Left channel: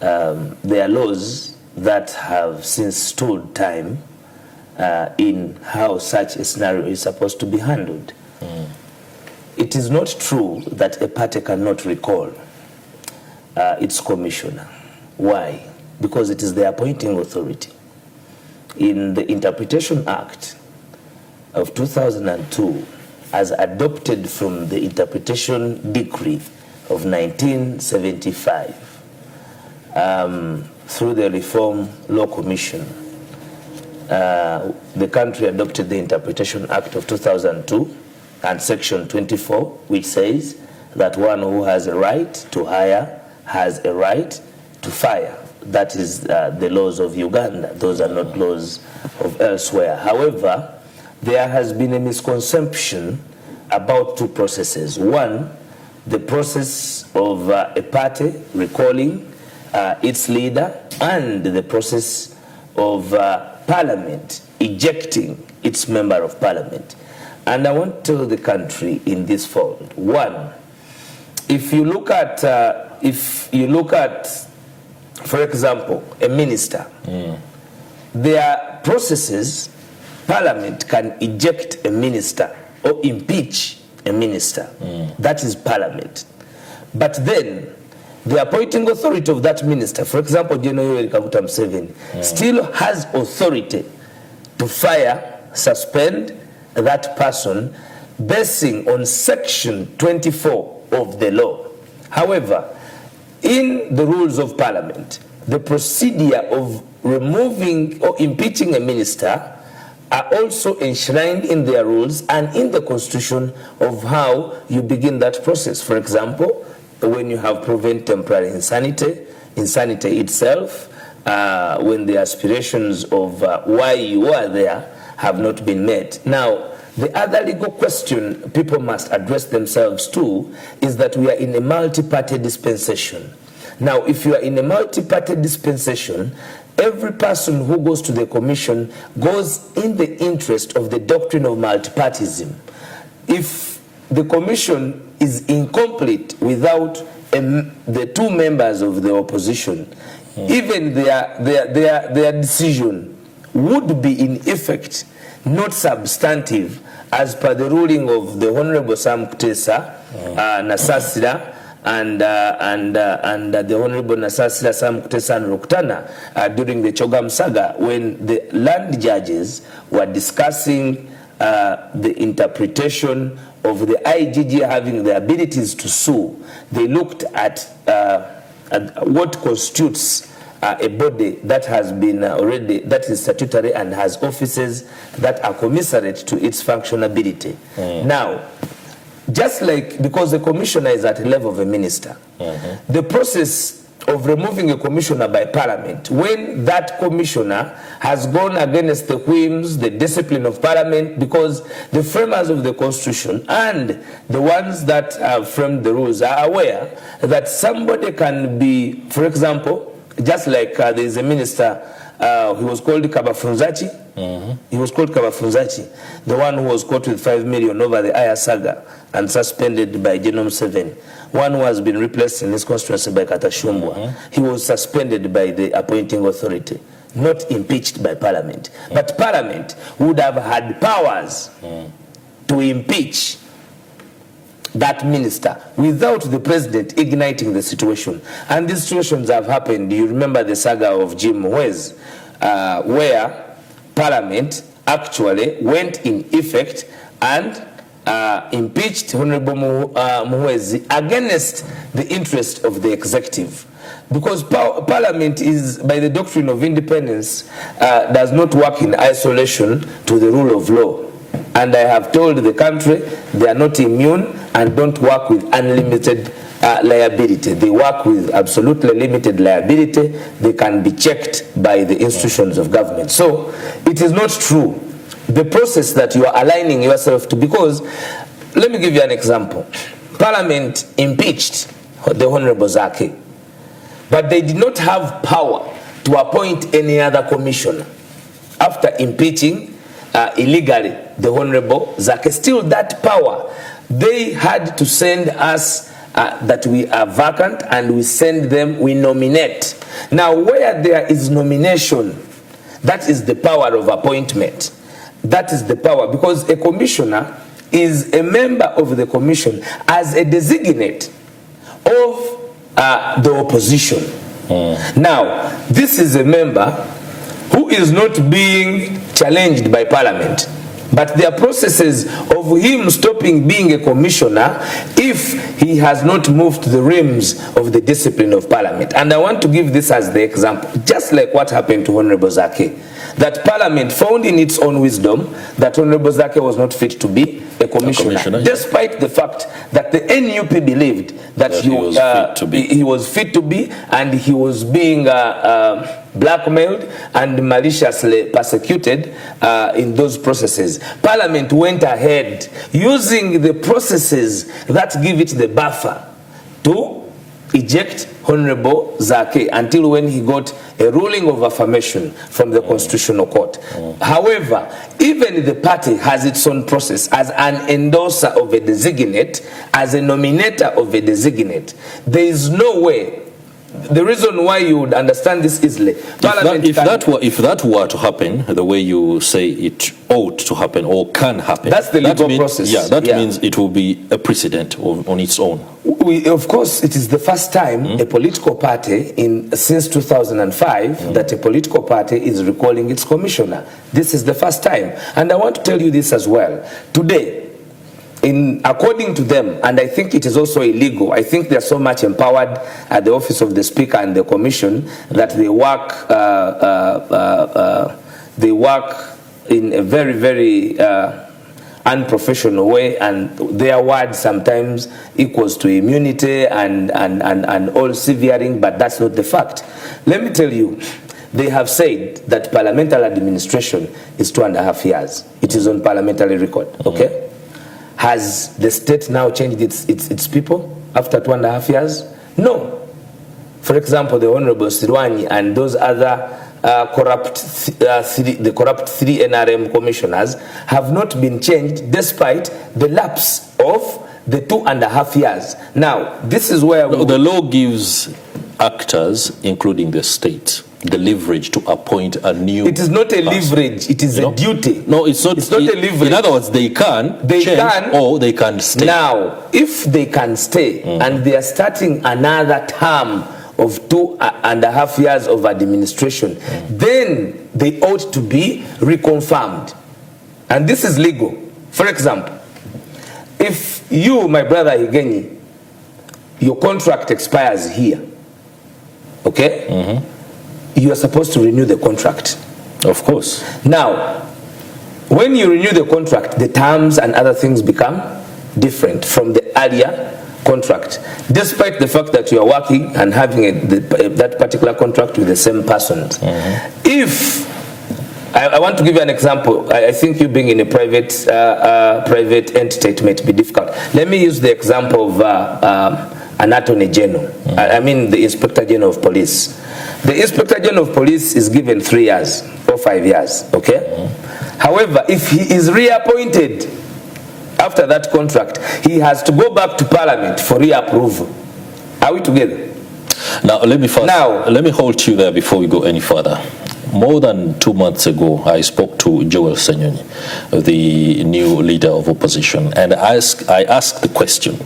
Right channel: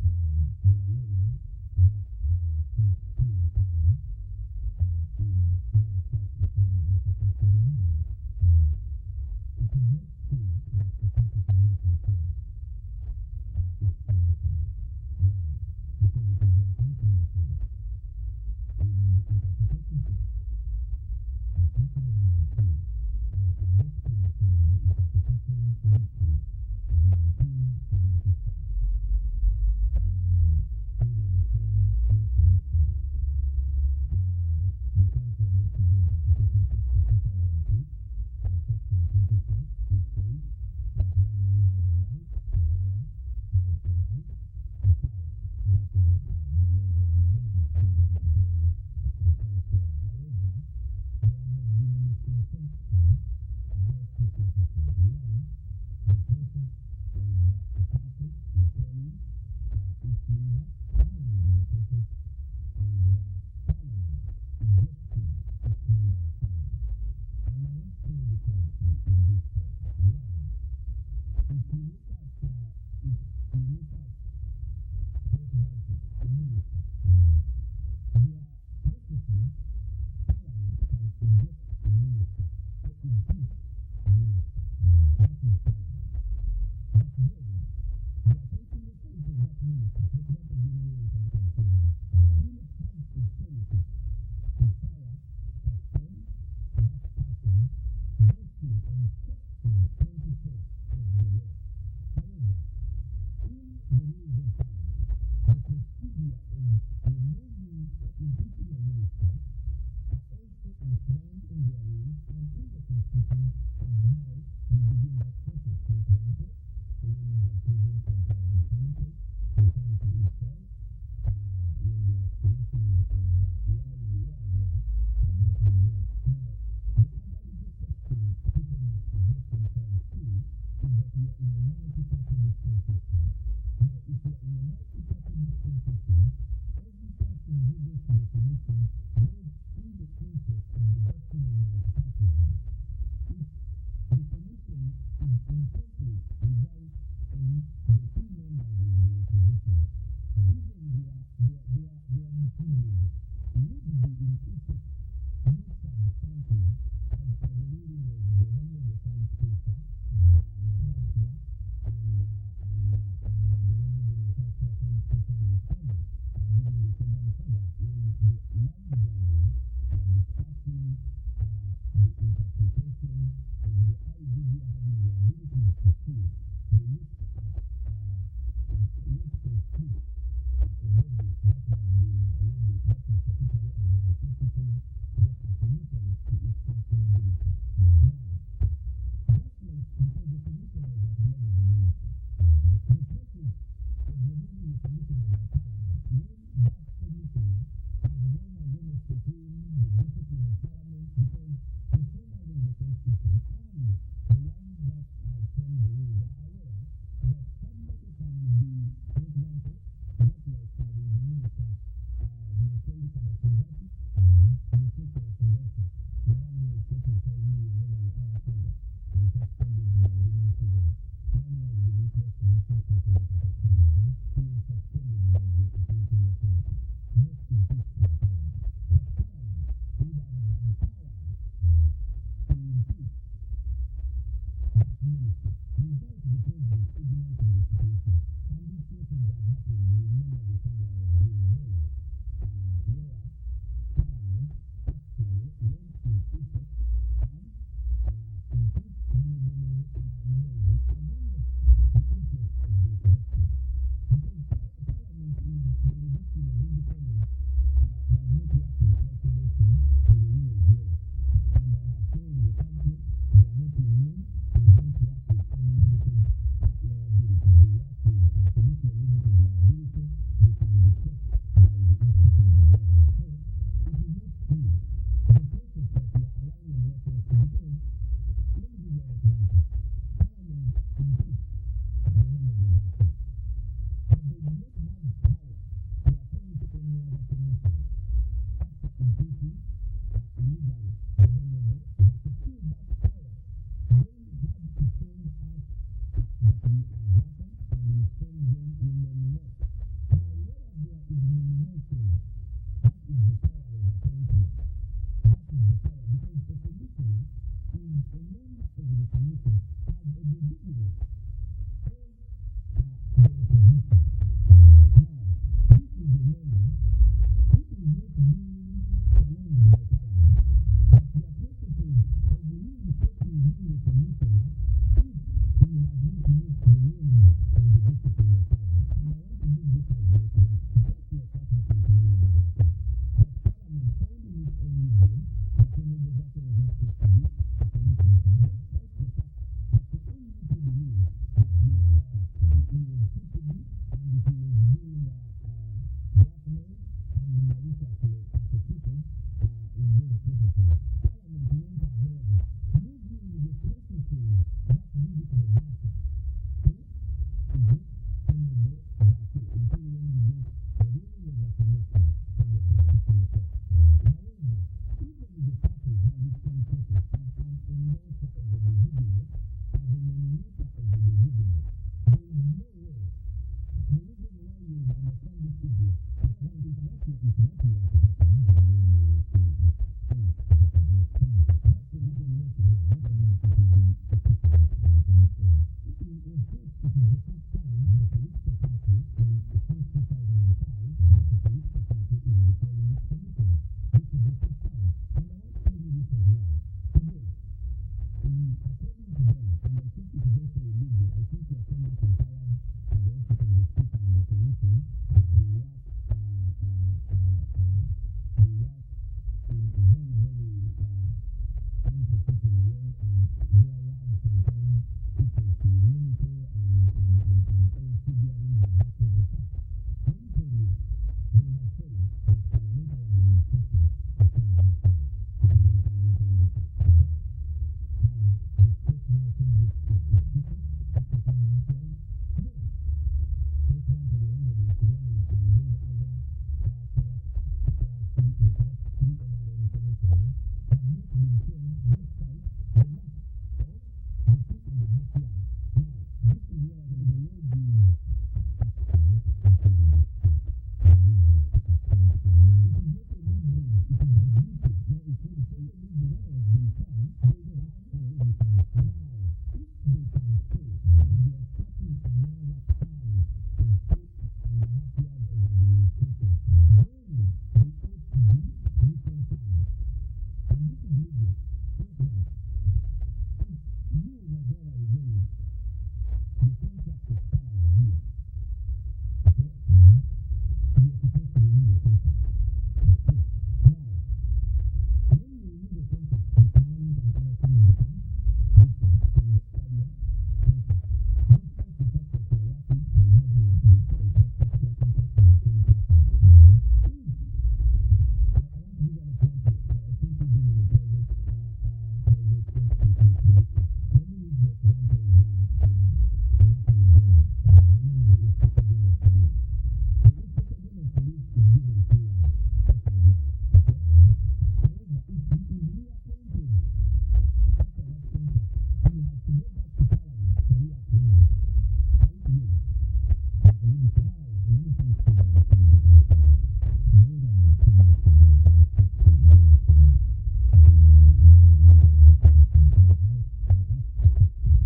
there are laws that have since stood time in how such a scenario is supposed to be handled. It is not true that a party cannot recall its commissioner. Why? Because it is the appointing authority. In the Interpretation Act of 2002, as adopted from the Interpretation Decree of 1975, through the Reform Law Commission, the country adopted the Interpretation Act of 2002 and Section 24, which says that one who has a right to hire has a right to fire. That is the laws of Uganda. Those are not laws of elsewhere. However, there has been a misconception about two processes. One, the process of a party recalling its leader, and the process of Parliament ejecting its member of Parliament. And I want to tell the country in this fold. One, if you look at, for example, a minister, there are processes. Parliament can eject a minister or impeach a minister. That is Parliament. But then the appointing authority of that minister, for example, General Kaguta Museveni, still has authority to fire, suspend that person basing on Section 24 of the law. However, in the rules of Parliament, the procedure of removing or impeaching a minister are also enshrined in their rules and in the Constitution of how you begin that process. For example, when you have proven temporary insanity itself, when the aspirations of why you are there have not been met. Now, the other legal question people must address themselves to is that we are in a multi-party dispensation. Now, if you are in a multi-party dispensation, every person who goes to the commission goes in the interest of the doctrine of multipartism. If the commission is incomplete without the two members of the opposition, even their decision would be in effect not substantive as per the ruling of the Honorable Sam Kutesa Nasasira and the Honorable Nasasira Sam Kutesa and Rukutana during the Chogam saga, when the land judges were discussing the interpretation of the IGG having the abilities to sue. They looked at what constitutes a body that has been already, that is statutory and has offices that are commensurate to its functionability. Now, just like, because the commissioner is at the level of a minister, the process of removing a commissioner by Parliament, when that commissioner has gone against the whims, the discipline of Parliament, because the framers of the Constitution and the ones that have framed the rules are aware that somebody can be, for example, just like there is a minister, he was called Kabafunzachi. He was called Kabafunzachi, the one who was caught with 5 million over the Aya saga and suspended by General Museveni. One who has been replaced in his constituency by Katashumbwa. He was suspended by the appointing authority, not impeached by Parliament. But Parliament would have had powers to impeach that minister without the president igniting the situation. And these situations have happened. You remember the saga of Jim Muhwezi, where Parliament actually went in effect and impeached Honorable Muhwezi against the interest of the executive. Because Parliament is, by the doctrine of independence, does not work in isolation to the rule of law. And I have told the country they are not immune and don't work with unlimited liability. They work with absolutely limited liability. They can be checked by the institutions of government. So it is not true, the process that you are aligning yourself to, because let me give you an example. Parliament impeached the Honorable Zake, but they did not have power to appoint any other commissioner after impeaching illegally the Honorable Zake. Still that power, they had to send us that we are vacant, and we send them, we nominate. Now, where there is nomination, that is the power of appointment. That is the power, because a commissioner is a member of the commission as a designate of the opposition. Now, this is a member who is not being challenged by Parliament, but there are processes of him stopping being a commissioner if he has not moved to the realms of the discipline of Parliament. And I want to give this as the example, just like what happened to Honorable Zake, that Parliament found in its own wisdom that Honorable Zake was not fit to be a commissioner, despite the fact that the NUP believed that he was fit to be, and he was being blackmailed and maliciously persecuted in those processes. Parliament went ahead using the processes that give it the buffer to eject Honorable Zake until when he got a ruling of affirmation from the Constitutional Court. However, even the party has its own process as an endorser of a designate, as a nominator of a designate. There is no way. The reason why you would understand this easily, if that were to happen the way you say it ought to happen or can happen, that's the legal process. Yeah, that means it will be a precedent on its own. Of course, it is the first time a political party since 2005 that a political party is recalling its commissioner. This is the first time, and I want to tell you this as well. Today, according to them, and I think it is also illegal, I think they are so much empowered at the office of the Speaker and the Commission that they work in a very, very unprofessional way, and their word sometimes equals to immunity and all severing, but that's not the fact. Let me tell you, they have said that parliamentary administration is 2.5 years. It is on parliamentary record, okay? Has the state now changed its people after 2.5 years? No. For example, the Honorable Sirwani and those other corrupt three NRM commissioners have not been changed despite the lapse of the 2.5 years. Now, this is where the law gives actors, including the state, the leverage to appoint a new It is not a person. Leverage, it is a duty. No, it's not a leverage. In other words, they can change or they can stay. Now, if they can stay and they are starting another term of 2.5 years of administration, then they ought to be reconfirmed. And this is legal. For example, if you, my brother Kenyini, your contract expires here, okay? You are supposed to renew the contract. Of course. Now, when you renew the contract, the terms and other things become different from the earlier contract, despite the fact that you are working and having that particular contract with the same person. If I want to give you an example, I think you being in a private entity, it might be difficult. Let me use the example of an Attorney General. I mean the Inspector General of Police. The Inspector General of Police is given 3 years or 5 years, okay? However, if he is reappointed after that contract, he has to go back to Parliament for reapproval. Are we together? Now, let me hold you there before we go any further. More than 2 months ago, I spoke to Joel Senyonyi, the new leader of opposition, and I asked the question,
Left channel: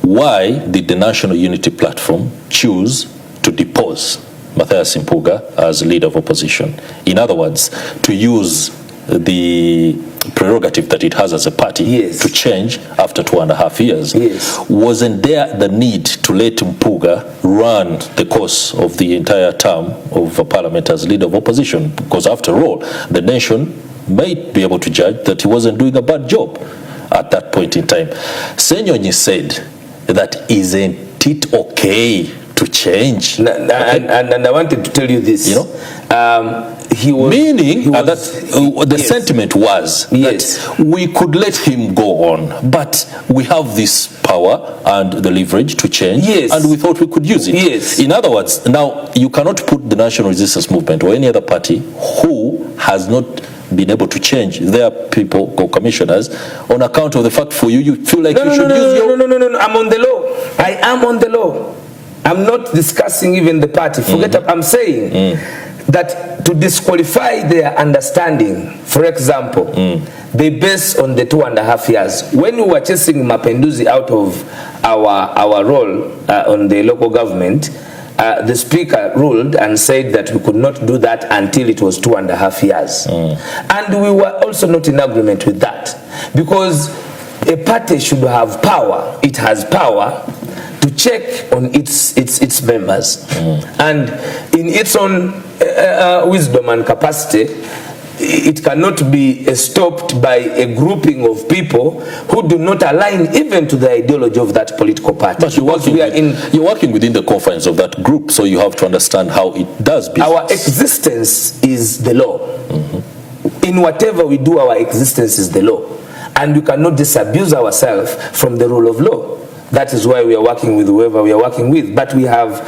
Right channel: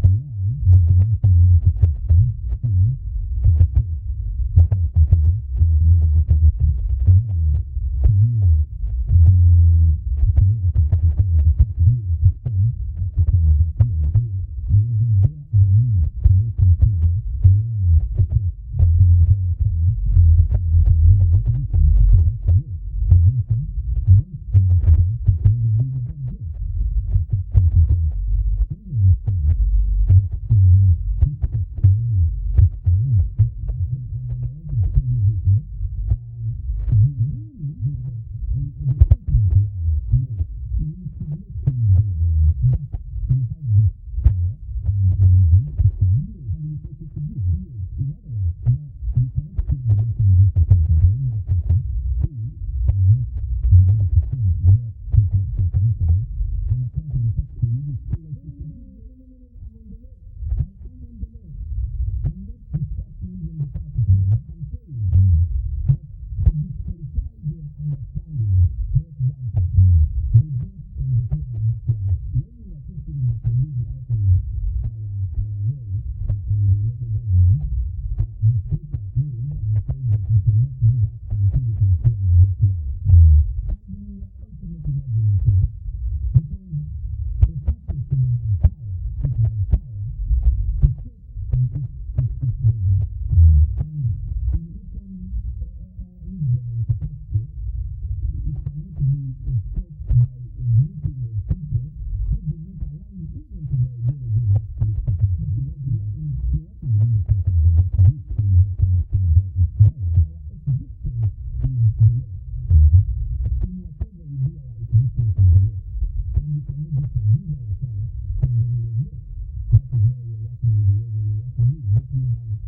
why did the National Unity Platform choose to depose Mpuuga as leader of opposition? In other words, to use the prerogative that it has as a party to change after 2.5 years. Wasn't there the need to let Mpuuga run the course of the entire term of Parliament as leader of opposition? Because after all, the nation might be able to judge that he wasn't doing a bad job at that point in time. Senyonyi said that isn't it okay to change? And I wanted to tell you this. He was, the sentiment was that we could let him go on, but we have this power and the leverage to change, and we thought we could use it. In other words, now you cannot put the National Resistance Movement or any other party who has not been able to change their people or commissioners on account of the fact for you feel like you should use your... No, I'm on the law. I am on the law. I'm not discussing even the party. Forget I'm saying that to disqualify their understanding, for example, they base on the 2.5 years. When we were chasing Mapinduzi out of our role on the local government, the speaker ruled and said that we could not do that until it was 2.5 years. And we were also not in agreement with that, because a party should have power. It has power to check on its members, and in its own wisdom and capacity, it cannot be stopped by a grouping of people who do not align even to the ideology of that political party. But you're working within the confines of that group, so you have to understand how it does business. Our existence is the law. In whatever we do, our existence is the law, and we cannot disabuse ourselves from the rule of law. That is why we are working with whoever we are working with. But we have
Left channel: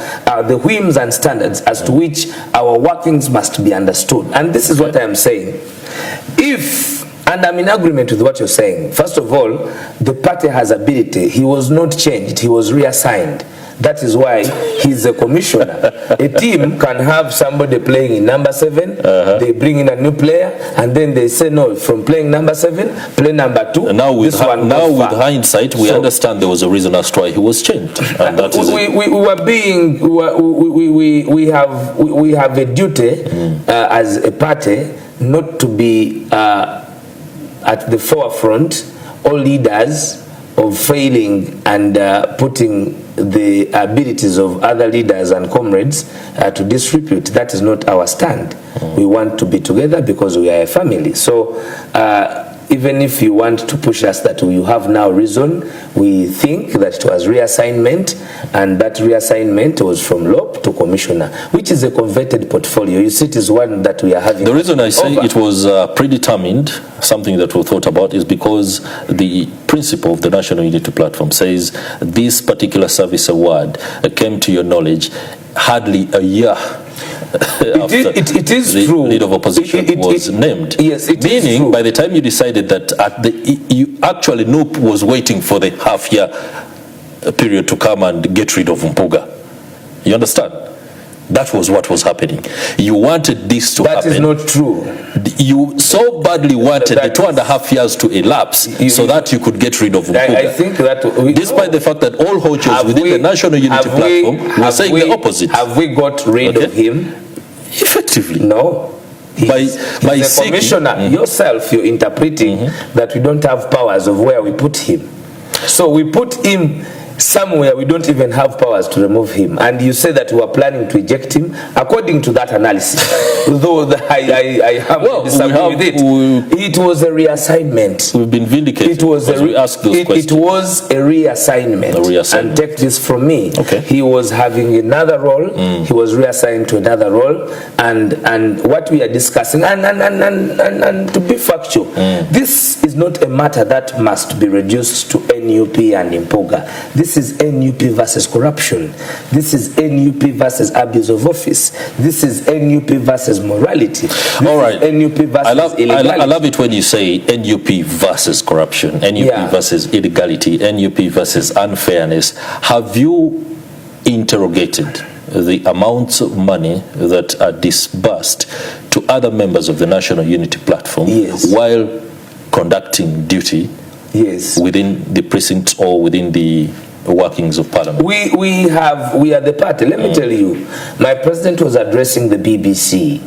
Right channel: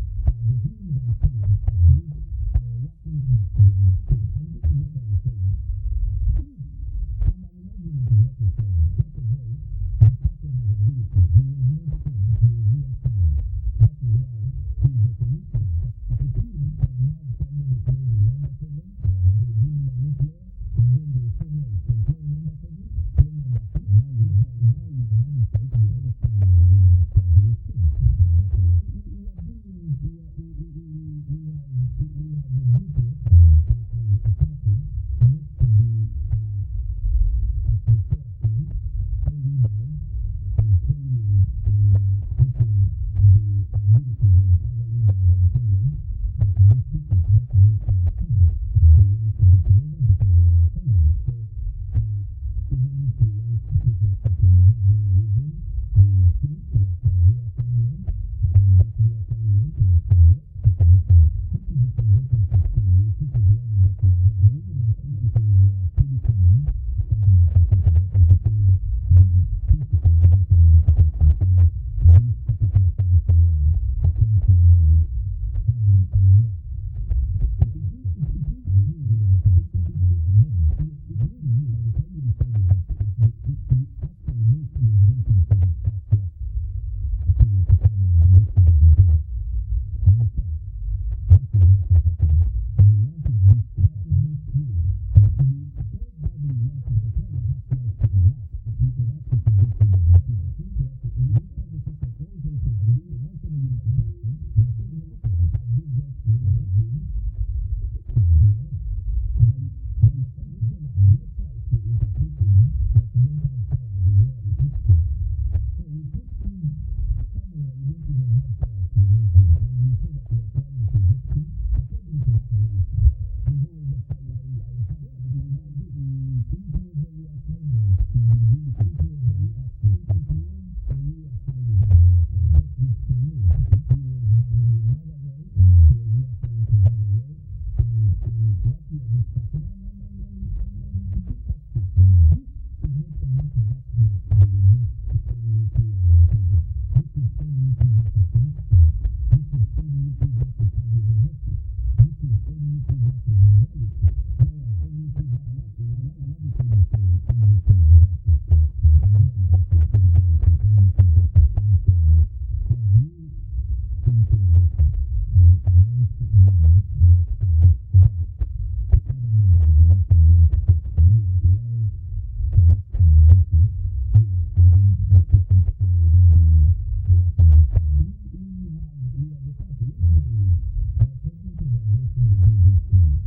the whims and standards as to which our workings must be understood. And this is what I am saying. And I'm in agreement with what you're saying. First of all, the party has ability. He was not changed. He was reassigned. That is why he's a commissioner. A team can have somebody playing in number 7, they bring in a new player, and then they say, no, from playing number 7, play number 2. And now with hindsight, we understand there was a reason as to why he was changed. And that is we have a duty as a party not to be at the forefront or leaders of failing and putting the abilities of other leaders and comrades to disrepute. That is not our stand. We want to be together because we are a family. So even if you want to push us that you have now reason, we think that it was reassignment, and that reassignment was from LOP to commissioner, which is a converted portfolio. You see, it is one that we are having. The reason I say it was predetermined, something that we thought about, is because the principle of the National Unity Platform says this particular service award came to your knowledge hardly a year it is the true. Leader of opposition was named. Yes, it meaning is true. By the time you decided that you actually NUP was waiting for the half-year period to come and get rid of Mpuuga. You understand? That was what was happening. You wanted this to happen. That is not true. You so badly wanted the 2.5 years to elapse so that you could get rid of Mpuuga. I think that despite the fact that all hochos within the National Unity Platform were saying the opposite. Have we got rid of him? Effectively. No. By the commissioner, yourself, you're interpreting that we don't have powers of where we put him. So we put him somewhere we don't even have powers to remove him, and you say that we are planning to eject him according to that analysis. Though I have disagree with it. It was a reassignment. We've been vindicated. It was we asked those questions. It was a reassignment. And take this from me. Okay. He was having another role. He was reassigned to another role, and what we are discussing, and to be factual, this is not a matter that must be reduced to NUP and Mpuuga. This is NUP versus corruption. This is NUP versus abuse of office. This is NUP versus morality. All right. NUP versus illegality. I love it when you say NUP versus corruption, NUP versus illegality, NUP versus unfairness. Have you interrogated the amounts of money that are disbursed to other members of the National Unity Platform while conducting duty within the precincts or within the workings of Parliament? We are the party. Let me tell you, my president was addressing the BBC,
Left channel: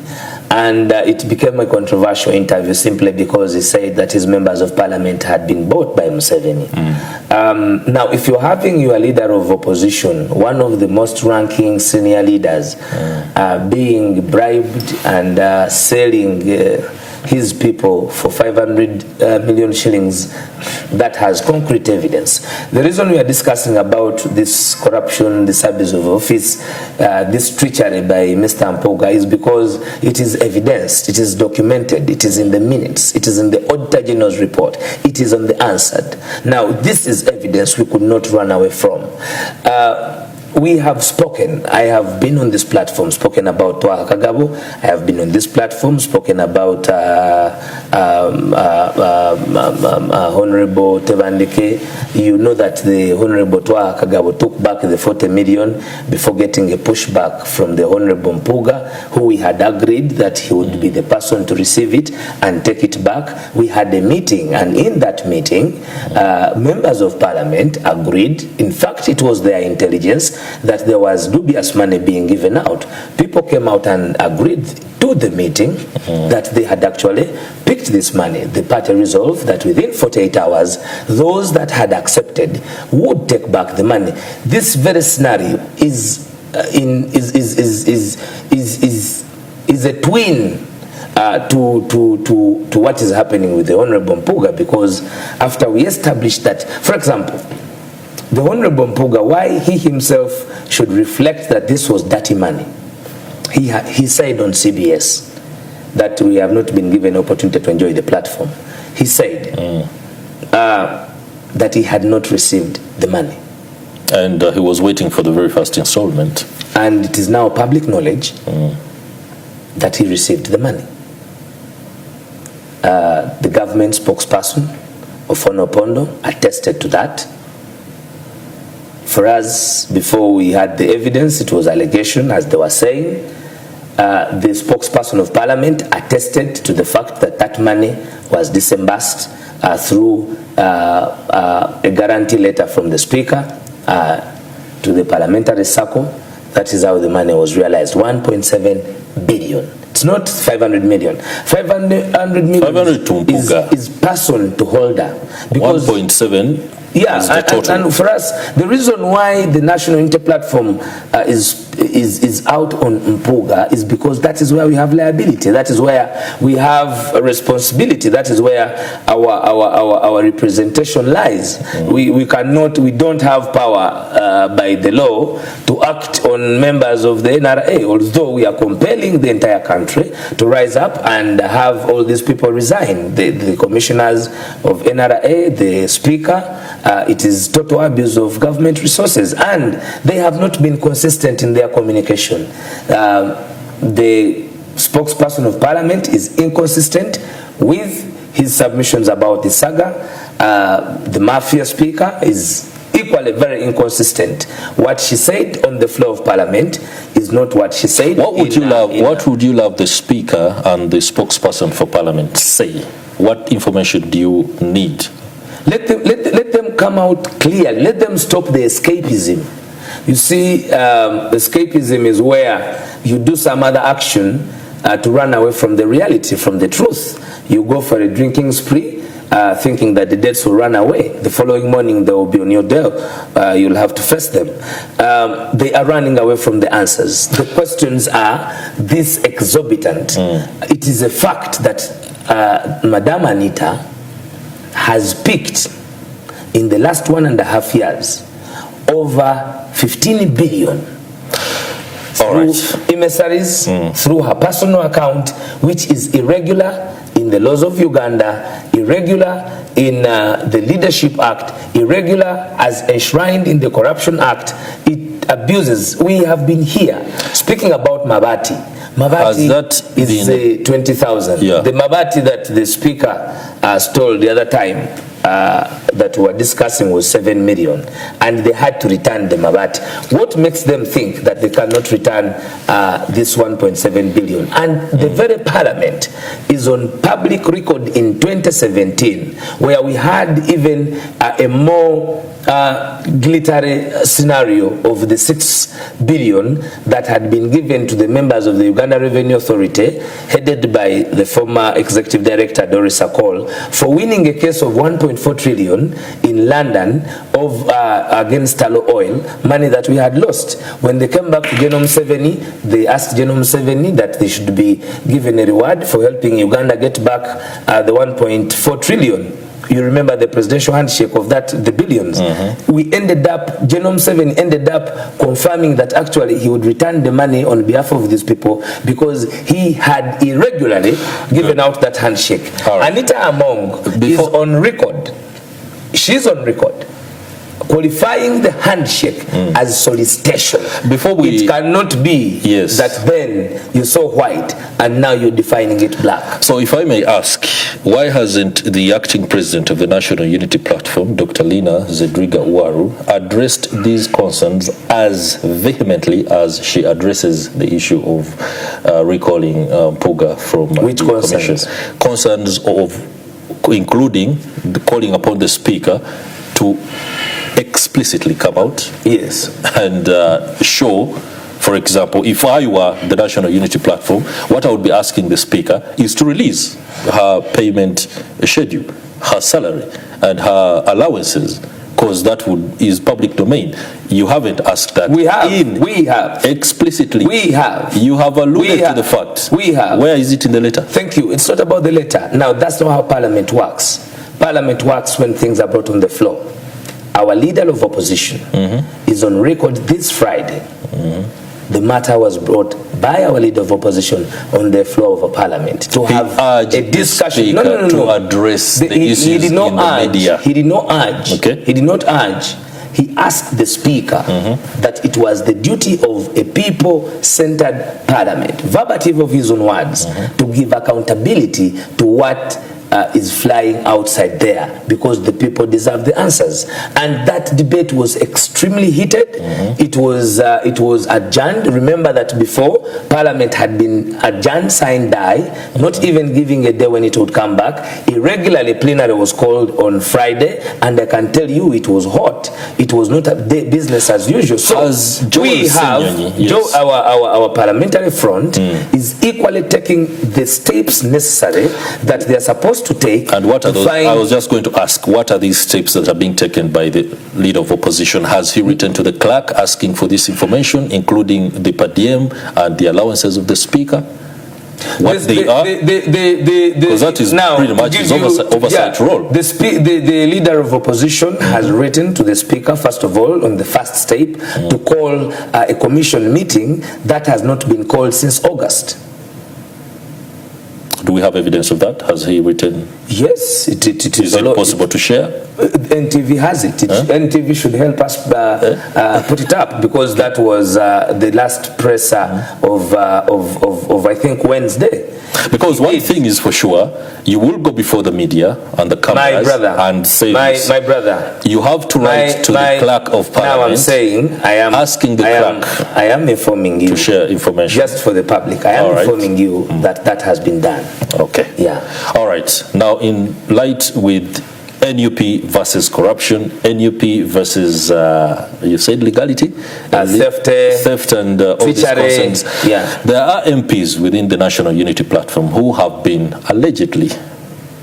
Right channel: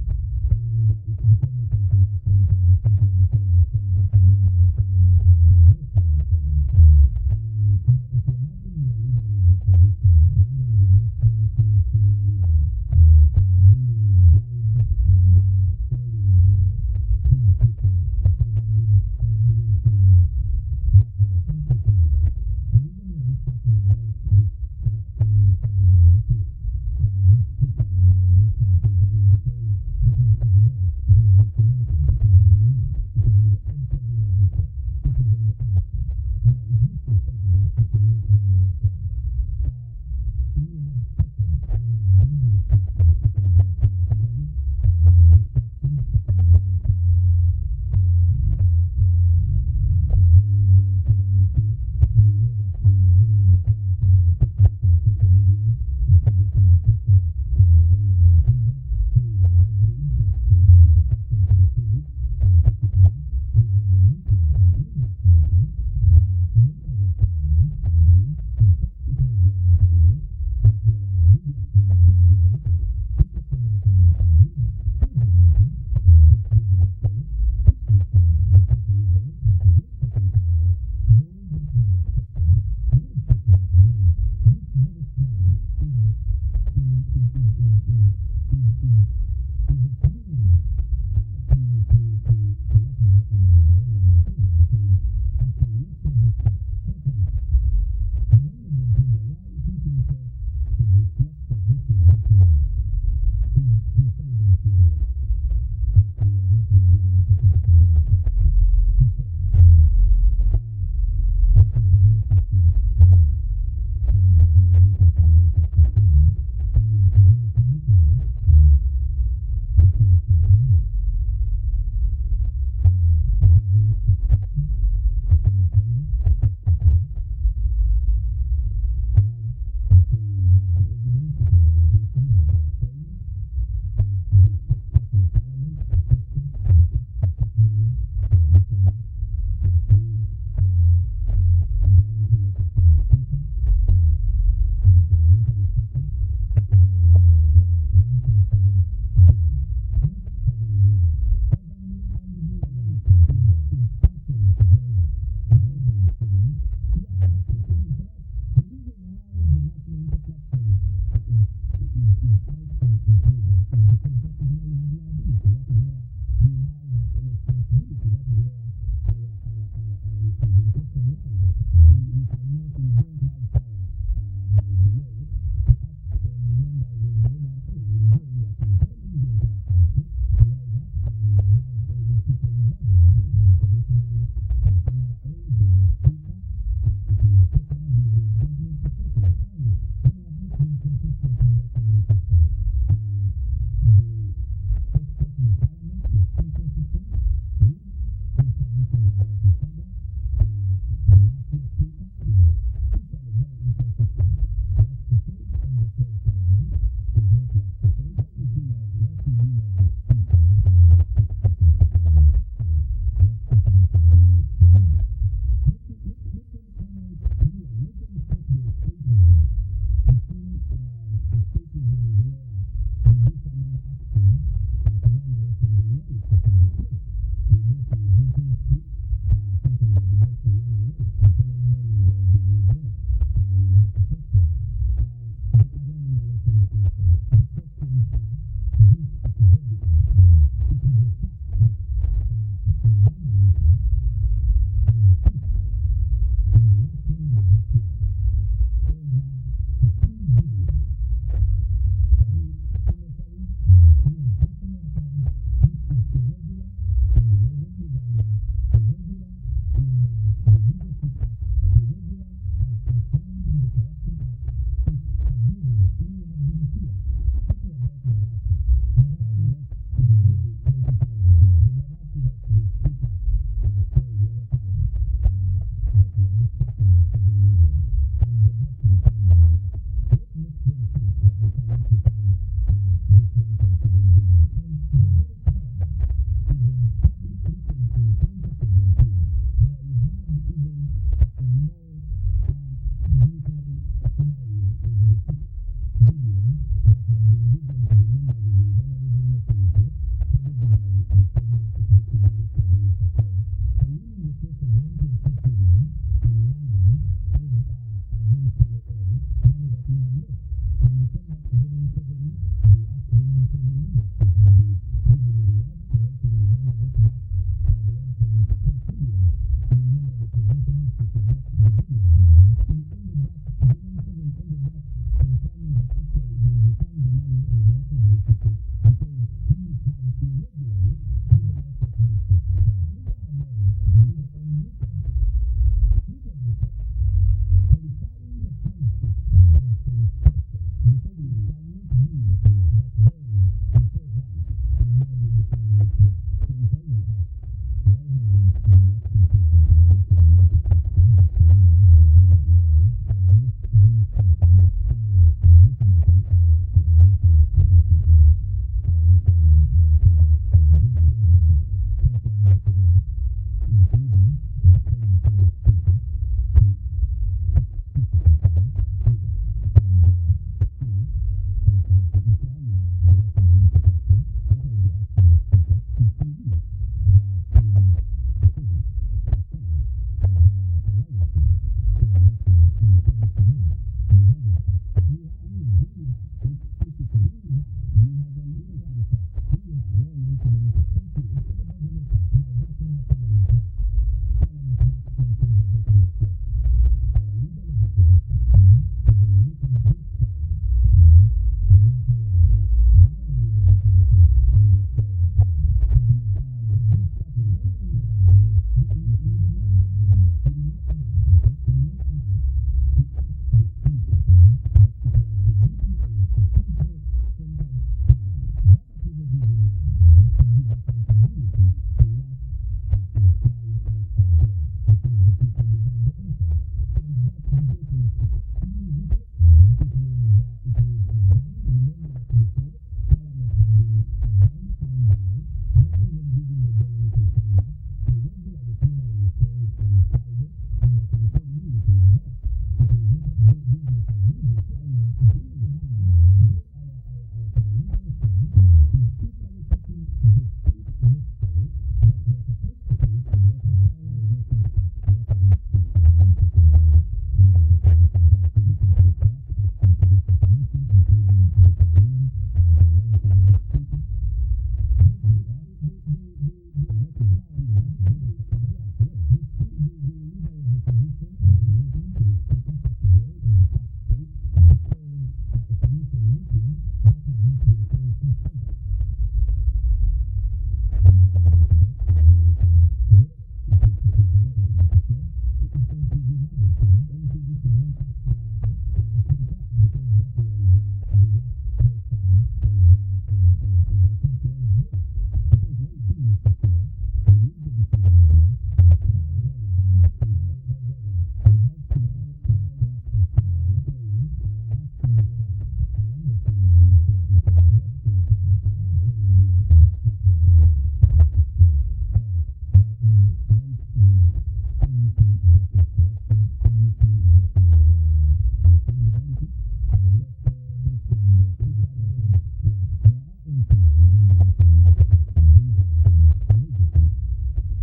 and it became a controversial interview simply because he said that his members of Parliament had been bought by Museveni. Now, if you're having your leader of opposition, one of the most ranking senior leaders, being bribed and selling his people for 500 million shillings, that has concrete evidence. The reason we are discussing about this corruption, this abuse of office, this treachery by Mr. Mpuuga is because it is evidenced, it is documented, it is in the minutes, it is in the Auditor General's report, it is on the answered. Now, this is evidence we could not run away from. we have spoken. I have been on this platform, spoken about Twaha Kagabo. I have been on this platform, spoken about Honorable Tebandike. You know that the Honorable Twaha Kagabo took back the 40 million before getting a pushback from the Honorable Mpuuga, who we had agreed that he would be the person to receive it and take it back. We had a meeting, and in that meeting, members of Parliament agreed. In fact, it was their intelligence that there was dubious money being given out. People came out and agreed to the meeting that they had actually picked this money. The party resolved that within 48 hours, those that had accepted would take back the money. This very scenario is a twin to what is happening with the Honorable Mpuuga, because after we established that, for example, the Honorable Mpuuga, why he himself should reflect that this was dirty money. He said on CBS that we have not been given opportunity to enjoy the platform. He said that he had not received the money. And he was waiting for the very first installment. And it is now public knowledge that he received the money. The government spokesperson, Ofono Opondo, attested to that. For us, before we had the evidence, it was allegation, as they were saying. The spokesperson of Parliament attested to the fact that that money was disbursed through a guarantee letter from the Speaker to the Parliamentary circle. That is how the money was realized, 1.7 billion. It's not 500 million. 500 million is person to holder. 1.7 is the total. And for us, the reason why the National Inter-Platform is out on Mpuuga is because that is where we have liability. That is where we have a responsibility. That is where our representation lies. We don't have power by the law to act on members of the NRA, although we are compelling the entire country to rise up and have all these people resign. The commissioners of NRA, the Speaker, it is total abuse of government resources, and they have not been consistent in their communication. The spokesperson of Parliament is inconsistent with his submissions about the saga. The Mafia Speaker is equally very inconsistent. What she said on the floor of Parliament is not what she said. What would you love the Speaker and the spokesperson for Parliament say? What information do you need? Let them come out clearly. Let them stop the escapism. You see, escapism is where you do some other action to run away from the reality, from the truth. You go for a drinking spree, thinking that the debts will run away. The following morning they will be on your door. You'll have to face them. They are running away from the answers. The questions are this exorbitant. It is a fact that Madam Anita has picked in the last 1.5 years over 15 billion through emissaries, through her personal account, which is irregular in the laws of Uganda, irregular in the Leadership Act, irregular as enshrined in the Corruption Act. It abuses. We have been here speaking about Mabati. Mabati is 20,000. Yeah. The Mabati that the Speaker stole the other time that we were discussing was 7 million, and they had to return the Mabati. What makes them think that they cannot return this 1.7 billion? And the very Parliament is on public record in 2017, where we had even a more glittery scenario of the 6 billion that had been given to the members of the Uganda Revenue Authority, headed by the former Executive Director Doris Akol, for winning a case of 1.4 trillion in London against Talo Oil, money that we had lost. When they came back to General Museveni, they asked General Museveni that they should be given a reward for helping Uganda get back the 1.4 trillion. You remember the presidential handshake of that, the billions. We ended up, General Museveni ended up confirming that actually he would return the money on behalf of these people because he had irregularly given out that handshake. Right. Anita Among is on record. She's on record qualifying the handshake as solicitation. It cannot be that then you saw white and now you're defining it black. So if I may ask, why hasn't the acting president of the National Unity Platform, Dr. Lina Zedriga Waru, addressed these concerns as vehemently as she addresses the issue of recalling Mpuuga from the commission? Concerns of including calling upon the speaker to explicitly come out and show, for example, if I were the National Unity Platform, what I would be asking the speaker is to release her payment schedule, her salary and her allowances, because that is public domain. You haven't asked that. We have explicitly. We have. You have alluded to the fact. We have. Where is it in the letter? Thank you. It's not about the letter. Now, that's not how Parliament works. Parliament works when things are brought on the floor. Our leader of opposition is on record this Friday. The matter was brought by our leader of opposition on the floor of a parliament to have a discussion. To address the issues in the media. He did not urge. He did not urge. He asked the speaker that it was the duty of a people-centered parliament, verbatim of his own words, to give accountability to what is flying outside there, because the people deserve the answers. And that debate was extremely heated. It was adjourned. Remember that before, Parliament had been adjourned, sine die, not even giving a day when it would come back. Irregularly, plenary was called on Friday, and I can tell you it was hot. It was not a day business as usual. So we have our parliamentary front is equally taking the steps necessary that they are supposed to take. And what are those? I was just going to ask, what are these steps that are being taken by the leader of opposition? Has he written to the clerk asking for this information, including the per diem and the allowances of the speaker? What they are? Because that is pretty much his oversight role. The leader of opposition has written to the speaker, first of all, on the first step, to call a commission meeting that has not been called since August. Do we have evidence of that? Has he written? Yes. Is it possible to share? NTV has it. NTV should help us put it up, because that was the last presser of I think Wednesday. Because one thing is for sure, you will go before the media and the cameras and say this. My brother. You have to write to the clerk of Parliament. Now I'm saying, asking the clerk. I am informing you to share information just for the public. I am informing you that has been done. Okay. Yeah. All right. Now, in light with NUP versus corruption, NUP versus you said legality, theft and all these concerns. There are MPs within the National Unity Platform who have been allegedly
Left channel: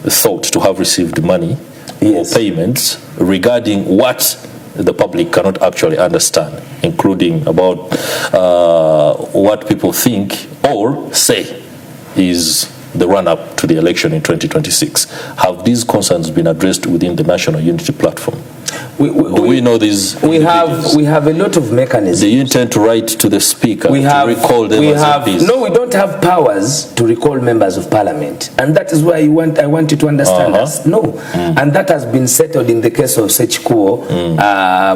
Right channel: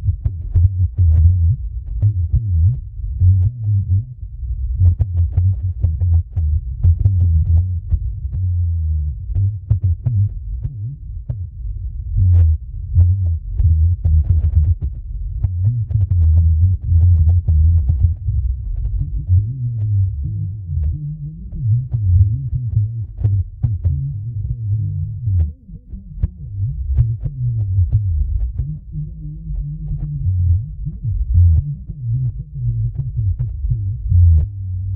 thought to have received money or payments regarding what the public cannot actually understand, including about what people think or say is the run-up to the election in 2026. Have these concerns been addressed within the National Unity Platform? Do we know these? We have a lot of mechanisms. Do you intend to write to the speaker to recall them as MPs? No, we don't have powers to recall members of Parliament, and that is why I want you to understand us. No, and that has been settled in the case of Sechikuo,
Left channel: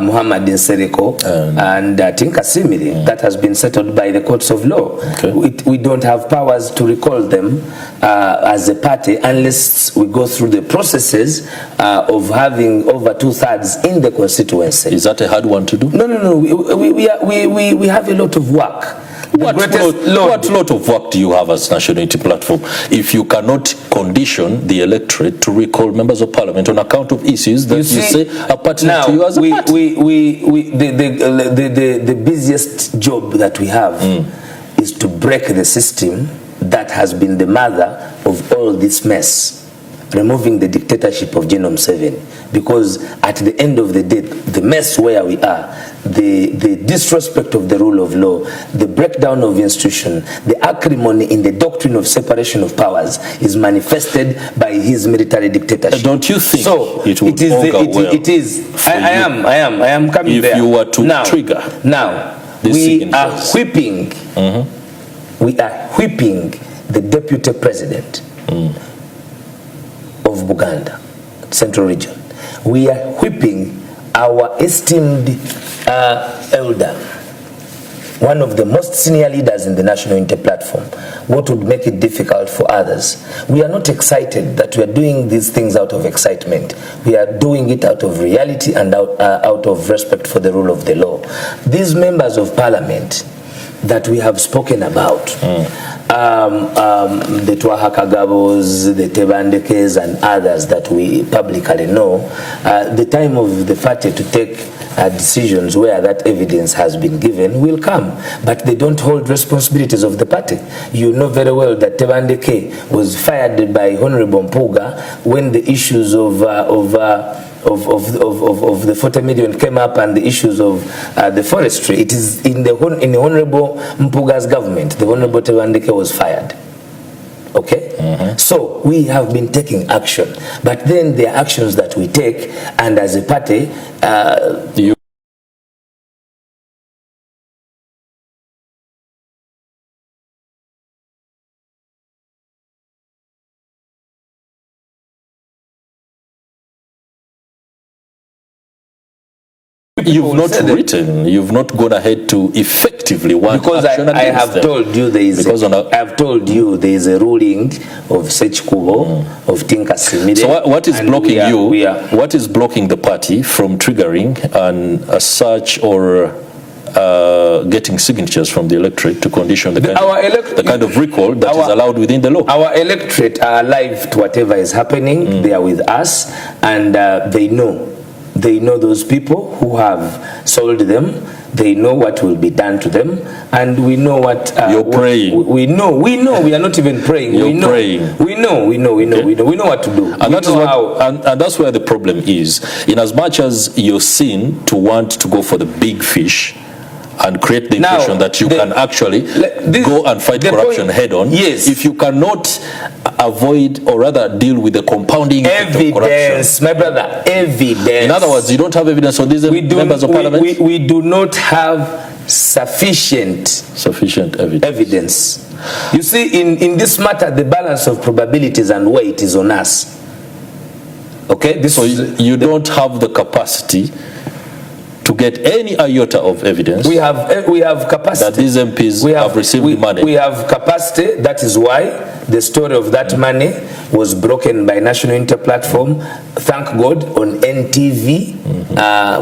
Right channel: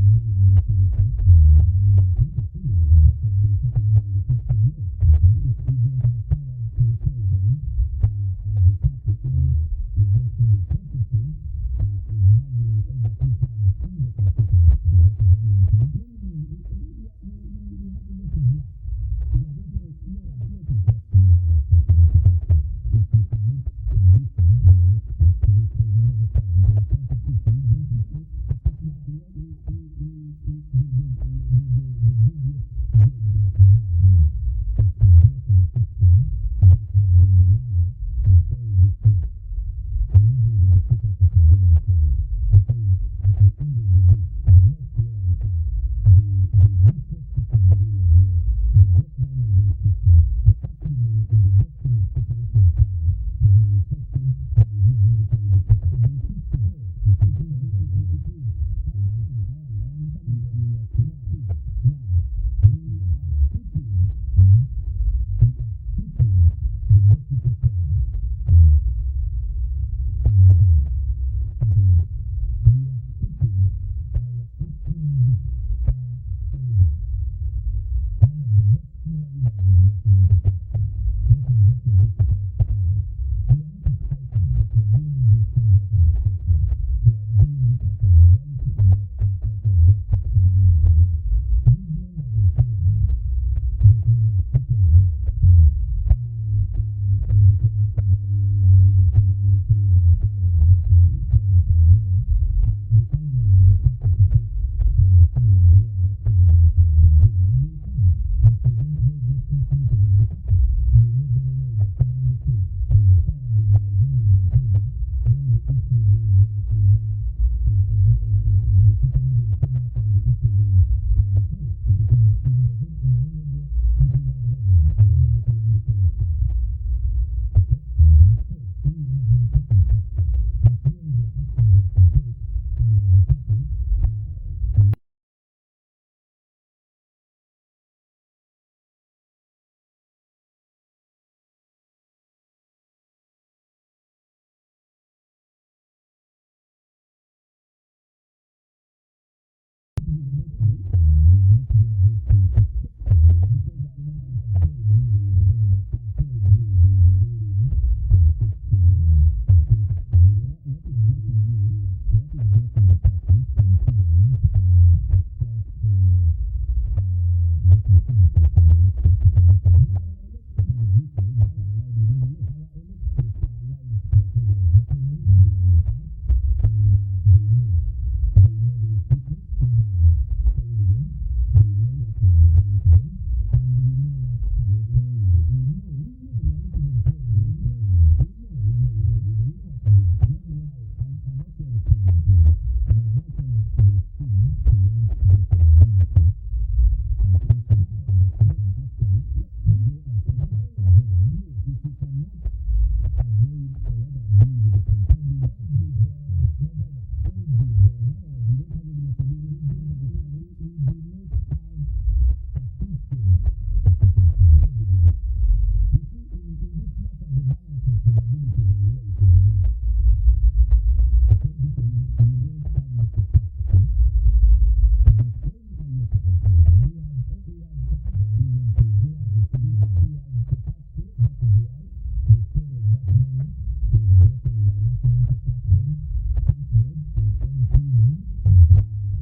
Muhammad Nsereko, and Tinka Simiri. That has been settled by the courts of law. We don't have powers to recall them as a party unless we go through the processes of having over 2/3 in the constituency. Is that a hard one to do? No. We have a lot of work. What lot of work do you have as National Unity Platform if you cannot condition the electorate to recall members of Parliament on account of issues that you say are pertinent to you as a party? The busiest job that we have is to break the system that has been the mother of all this mess, removing the dictatorship of General Museveni. Because at the end of the day, the mess where we are, the disrespect of the rule of law, the breakdown of institution, the acrimony in the doctrine of separation of powers is manifested by his military dictatorship. Don't you think it is. I am coming there. If you were to trigger now, we are whipping. We are whipping the deputy president of Buganda, Central Region. We are whipping our esteemed elder, one of the most senior leaders in the National Unity Platform, what would make it difficult for others? We are not excited that we are doing these things out of excitement. We are doing it out of reality and out of respect for the rule of the law. These members of parliament that we have spoken about, the Twahakagabos, the Tebandekes and others that we publicly know, the time of the party to take decisions where that evidence has been given will come, but they don't hold responsibilities of the party. You know very well that Tebandeke was fired by Honorable Mpuuga when the issues of the 40 million came up and the issues of the forestry. It is in the Honorable Mpuuga's government, the Honorable Tebandeke was fired. Okay? So we have been taking action, but then there are actions that we take, and as a party, you've not written, you've not gone ahead to effectively want because action I have told you there is I've told you there is a ruling of Sechkubo of Tinka Simide. So what is blocking what is blocking the party from triggering a search or getting signatures from the electorate to condition the kind of recall that is allowed within the law? Our electorate are alive to whatever is happening. They are with us, and they know those people who have sold them. They know what will be done to them, and we know what you're praying. We know. We are not even praying. We know what to do. And that's where the problem is. In as much as you're seen to want to go for the big fish and create the impression that you can actually go and fight corruption head on. Yes. If you cannot avoid or rather deal with the compounding evidence, of corruption. my brother, evidence. In other words, you don't have evidence on these members of parliament? We do not have sufficient evidence. You see, in this matter, the balance of probabilities and weight is on us. Okay? So you don't have the capacity to get any iota of evidence. We have capacity. That these MPs have received money. We have capacity. That is why the story of that money was broken by National Unity Platform. Thank God, on NTV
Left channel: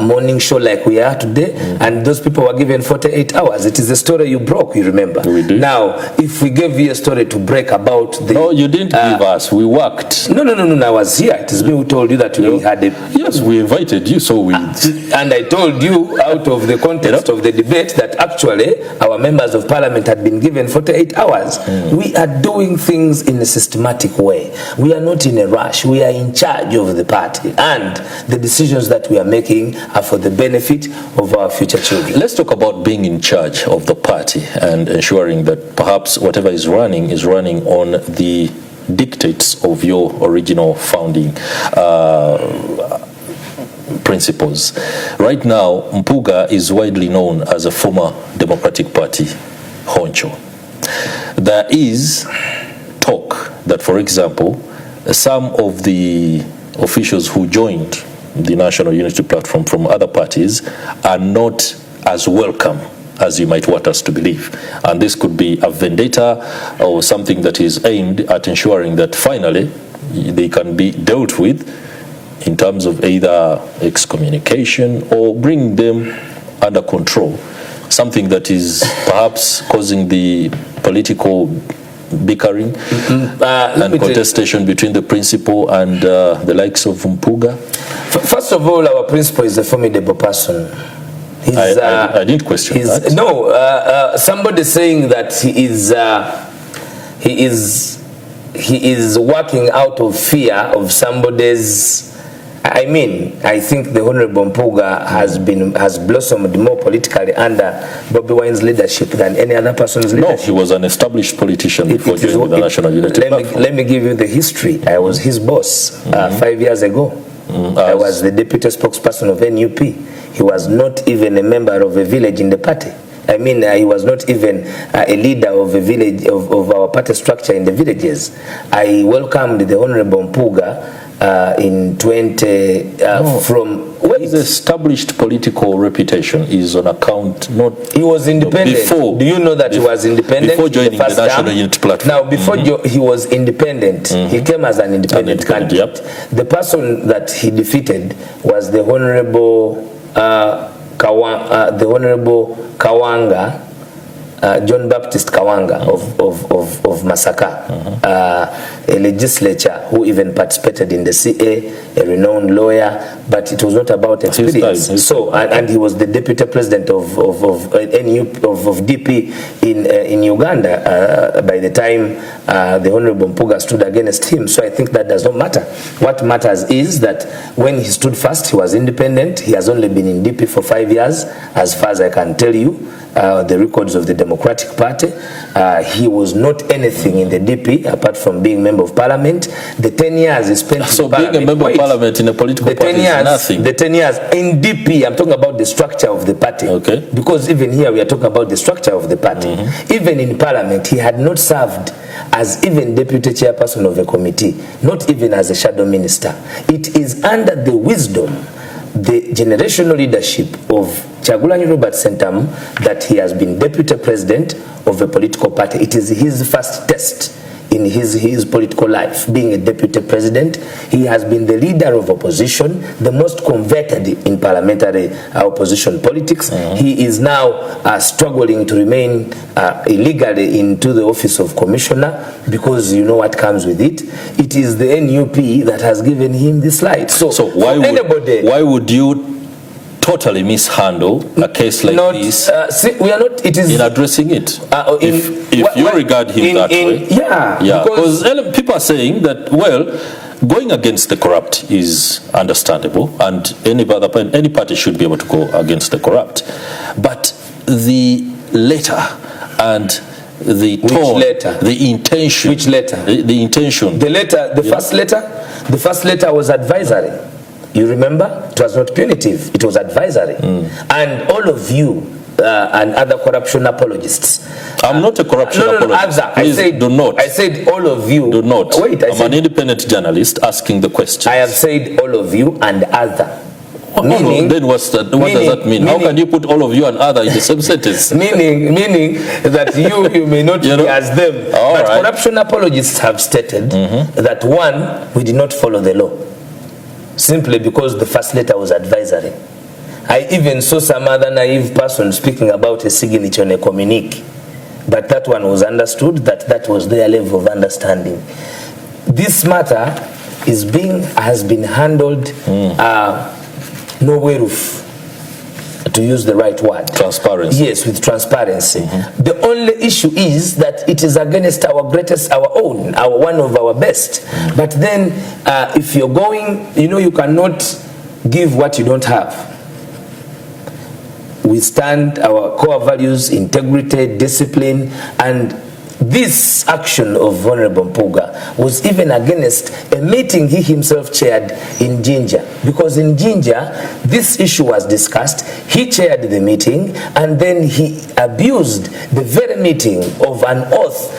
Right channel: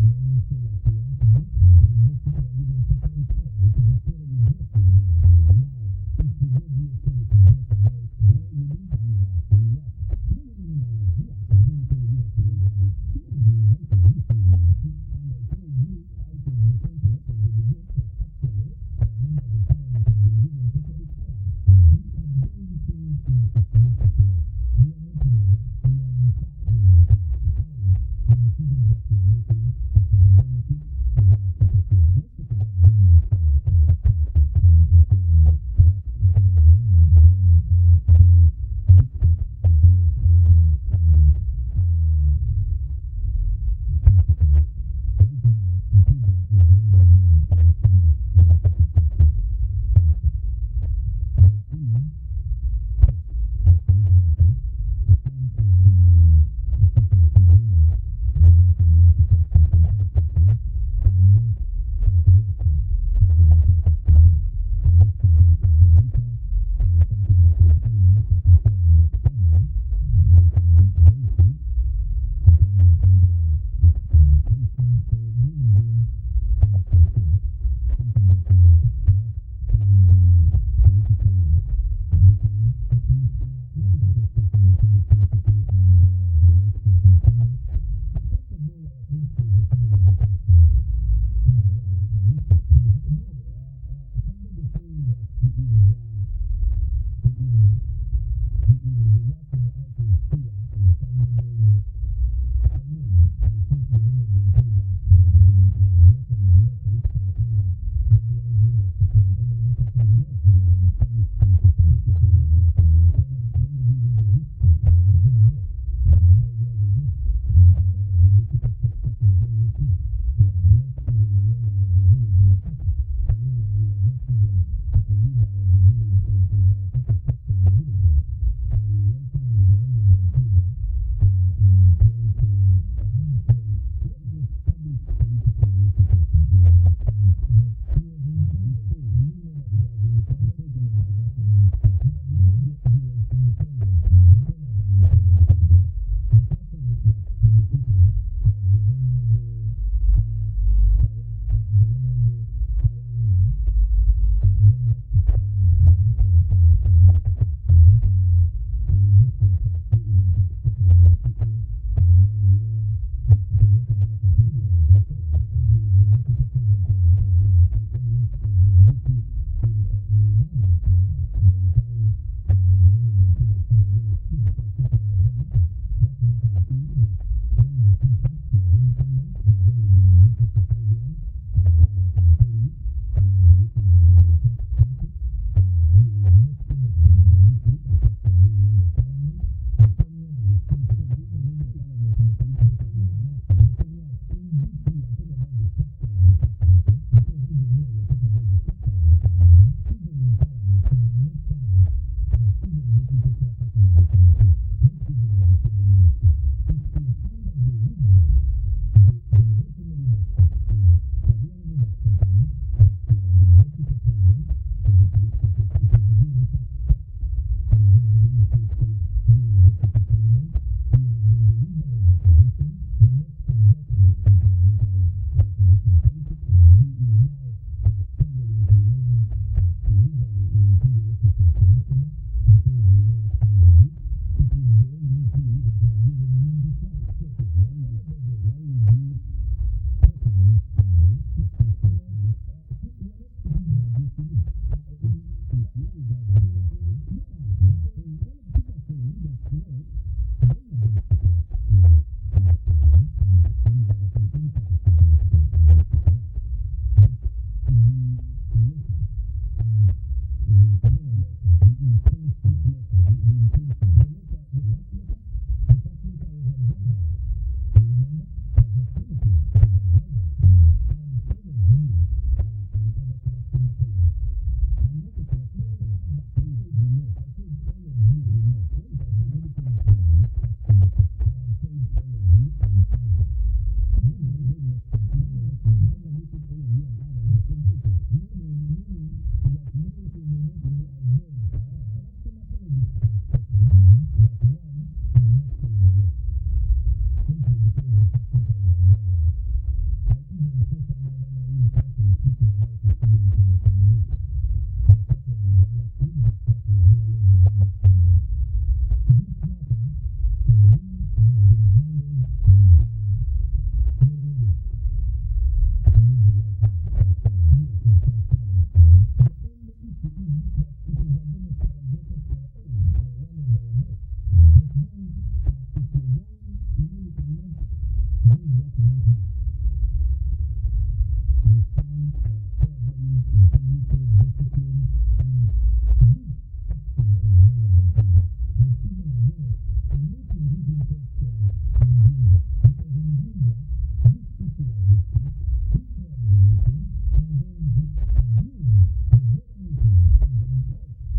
morning show like we are today, and those people were given 48 hours. It is the story you broke, you remember. We did. Now, if we gave you a story to break about the... No, you didn't give us. We worked. No, I was here. It is me who told you that we had a... Yes, we invited you, so we... And I told you out of the context of the debate that actually our members of parliament had been given 48 hours. We are doing things in a systematic way. We are not in a rush. We are in charge of the party, and the decisions that we are making are for the benefit of our future children. Let's talk about being in charge of the party and ensuring that perhaps whatever is running on the dictates of your original founding principles. Right now, Mpuuga is widely known as a former Democratic Party honcho. There is talk that, for example, some of the officials who joined the National Unity Platform from other parties are not as welcome as you might want us to believe. And this could be a vendetta or something that is aimed at ensuring that finally they can be dealt with in terms of either excommunication or bring them under control, something that is perhaps causing the political bickering and contestation between the principal and the likes of Mpuuga. First of all, our principal is a formidable person. I didn't question that. No, somebody saying that he is working out of fear of somebody's. I mean, I think the Honorable Mpuuga has blossomed more politically under Bobi Wine's leadership than any other person's leadership. No, he was an established politician before joining the National Unity Platform. Let me give you the history. I was his boss 5 years ago. I was the deputy spokesperson of NUP. He was not even a member of a village in the party. I mean, he was not even a leader of a village, of our party structure in the villages. I welcomed the Honorable Mpuuga in 20 from his established political reputation is on account not he was independent. Before, do you know that he was independent before joining the National Unity Platform? Now, before he was independent, he came as an independent candidate. Yep. The person that he defeated was the Honorable Kawanga. John Baptist Kawanga of Masaka, a legislature who even participated in the CA, a renowned lawyer, but it was not about experience. And he was the deputy president of DP in Uganda by the time the Honorable Mpuuga stood against him. So I think that does not matter. What matters is that when he stood first, he was independent. He has only been in DP for 5 years, as far as I can tell you. The records of the Democratic Party. He was not anything in the DP apart from being member of parliament. The 10 years he spent so in being parliament, a member of parliament in a political party is nothing. The 10 years in DP, I'm talking about the structure of the party. Okay. Because even here we are talking about the structure of the party. Even in parliament, he had not served as even deputy chairperson of a committee, not even as a shadow minister. It is under the wisdom, the generational leadership of Kyagulanyi Robert Sentamu that he has been deputy president of a political party. It is his first test in his political life, being a deputy president. He has been the leader of opposition, the most converted in parliamentary opposition politics. He is now struggling to remain illegally into the office of commissioner, because you know what comes with it. It is the NUP that has given him this light. So why would you totally mishandle a case like this we are not, it is in addressing it? If you regard him that way. Yeah. Because people are saying that, well, going against the corrupt is understandable, and any party should be able to go against the corrupt. But the letter and the tone, the intention. Which letter? The intention. The letter, the first letter was advisory. You remember? It was not punitive, it was advisory. And all of you and other corruption apologists. I'm not a corruption apologist. Please do not. I said all of you. Do not. Wait, I'm an independent journalist asking the question. I have said all of you and other. Meaning, then what does that mean? How can you put all of you and other in the same sentence? meaning that you may not be as them. But right. Corruption apologists have stated that, one, we did not follow the law, simply because the first letter was advisory. I even saw some other naive person speaking about a signature on a communique, but that one was understood, that was their level of understanding. This matter has been handled no way roof, to use the right word. Transparency. Yes, with transparency. The only issue is that it is against our greatest, one of our best. But then if you're going, you cannot give what you don't have. We stand our core values, integrity, discipline, and this action of Honorable Mpuuga was even against a meeting he himself chaired in Jinja, because in Jinja this issue was discussed. He chaired the meeting and then he abused the very meeting of an oath.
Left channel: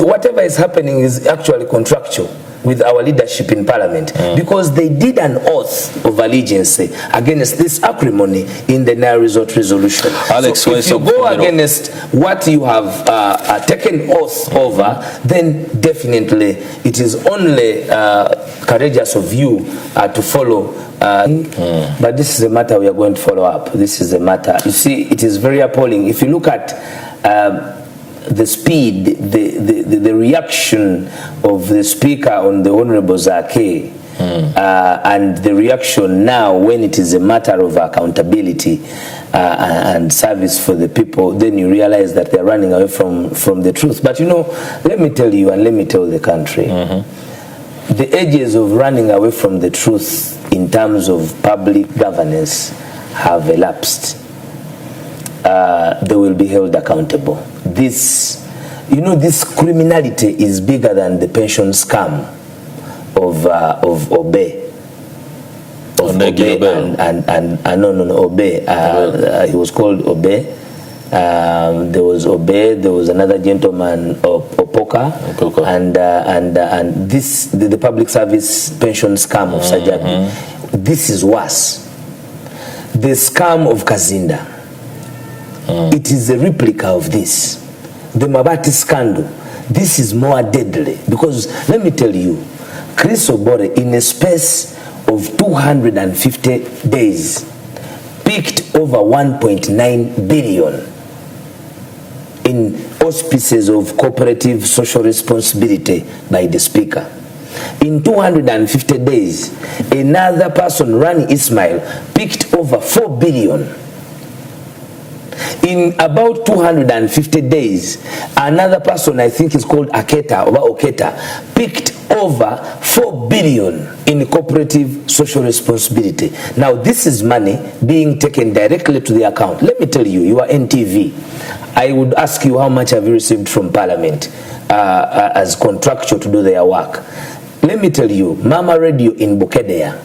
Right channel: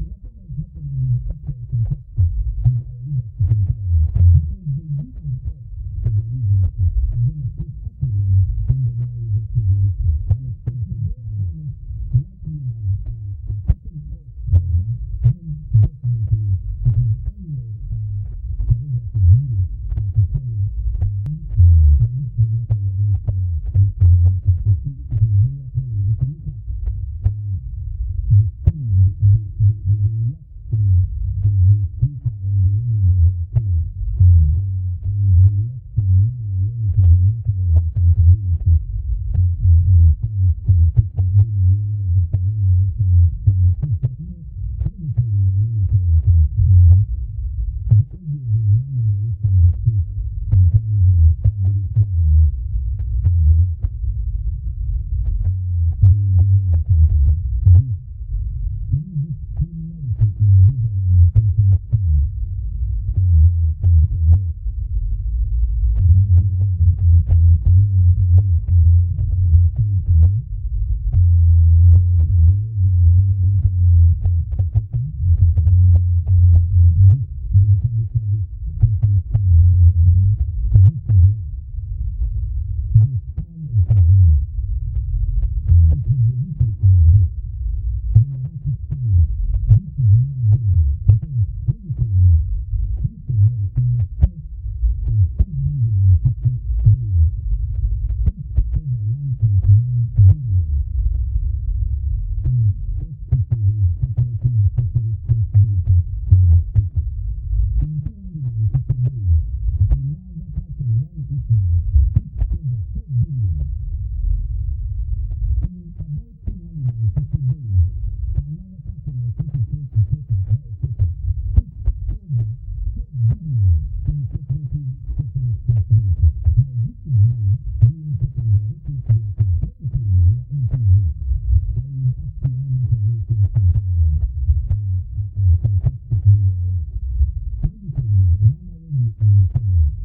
Whatever is happening is actually contractual with our leadership in parliament, because they did an oath of allegiance against this acrimony in the Nile Resort resolution. Alex, so if you go against what you have taken oath over, then definitely it is only courageous of you to follow. But this is a matter we are going to follow up. This is a matter, you see, it is very appalling. If you look at the speed, the reaction of the speaker on the Honorable Zake, and the reaction now when it is a matter of accountability and service for the people, then you realize that they're running away from the truth. But let me tell you and let me tell the country, the ages of running away from the truth in terms of public governance have elapsed. They will be held accountable. This criminality is bigger than the pension scam of Obe. Obe. He was called Obe. there was Obe, there was another gentleman, Opoka, and this the public service pension scam of Sajabi. This is worse. The scam of Kazinda. It is a replica of this. The Mabati scandal. This is more deadly because let me tell you, Chris Obore in a space of 250 days picked over 1.9 billion in auspices of cooperative social responsibility by the speaker. In 250 days, another person, Rani Ismail, picked over 4 billion. In about 250 days, another person, I think is called Aketa, or Oketa, picked over 4 billion in cooperative social responsibility. Now, this is money being taken directly to the account. Let me tell you, you are NTV. I would ask you how much have you received from Parliament as contractual to do their work. Let me tell you, Mama Radio in Bukedea,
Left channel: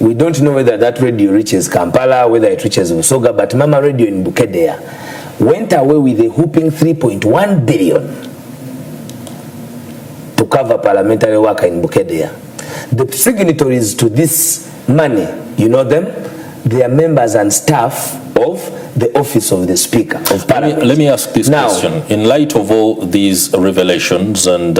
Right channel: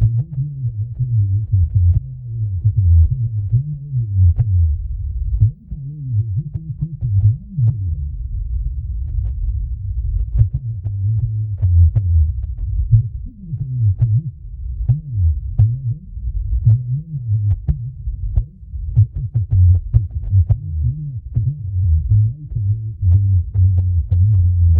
we don't know whether that radio reaches Kampala, whether it reaches Usoga, but Mama Radio in Bukedea went away with a whooping 3.1 billion to cover parliamentary work in Bukedea. The signatories to this money, you know them? They are members and staff of the office of the Speaker of Parliament. Let me ask this question. In light of all these revelations and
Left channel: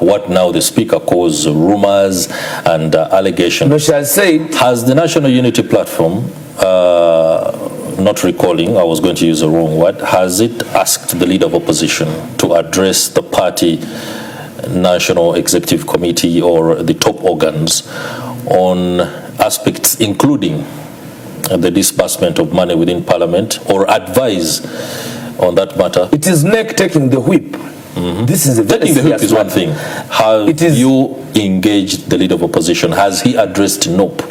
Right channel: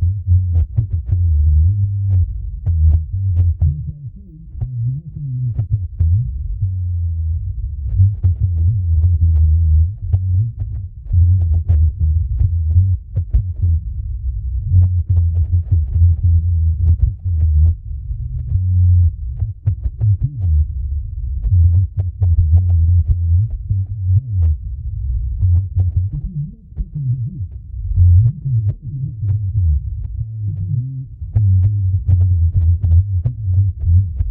what now the Speaker calls rumors and allegations, has the National Unity Platform, not recalling, I was going to use the wrong word, has it asked the Leader of Opposition to address the party National Executive Committee or the top organs on aspects including the disbursement of money within Parliament, or advise on that matter? It is NEC taking the whip. This is a very taking the whip is one thing. Have you engaged the Leader of Opposition? Has he addressed NOP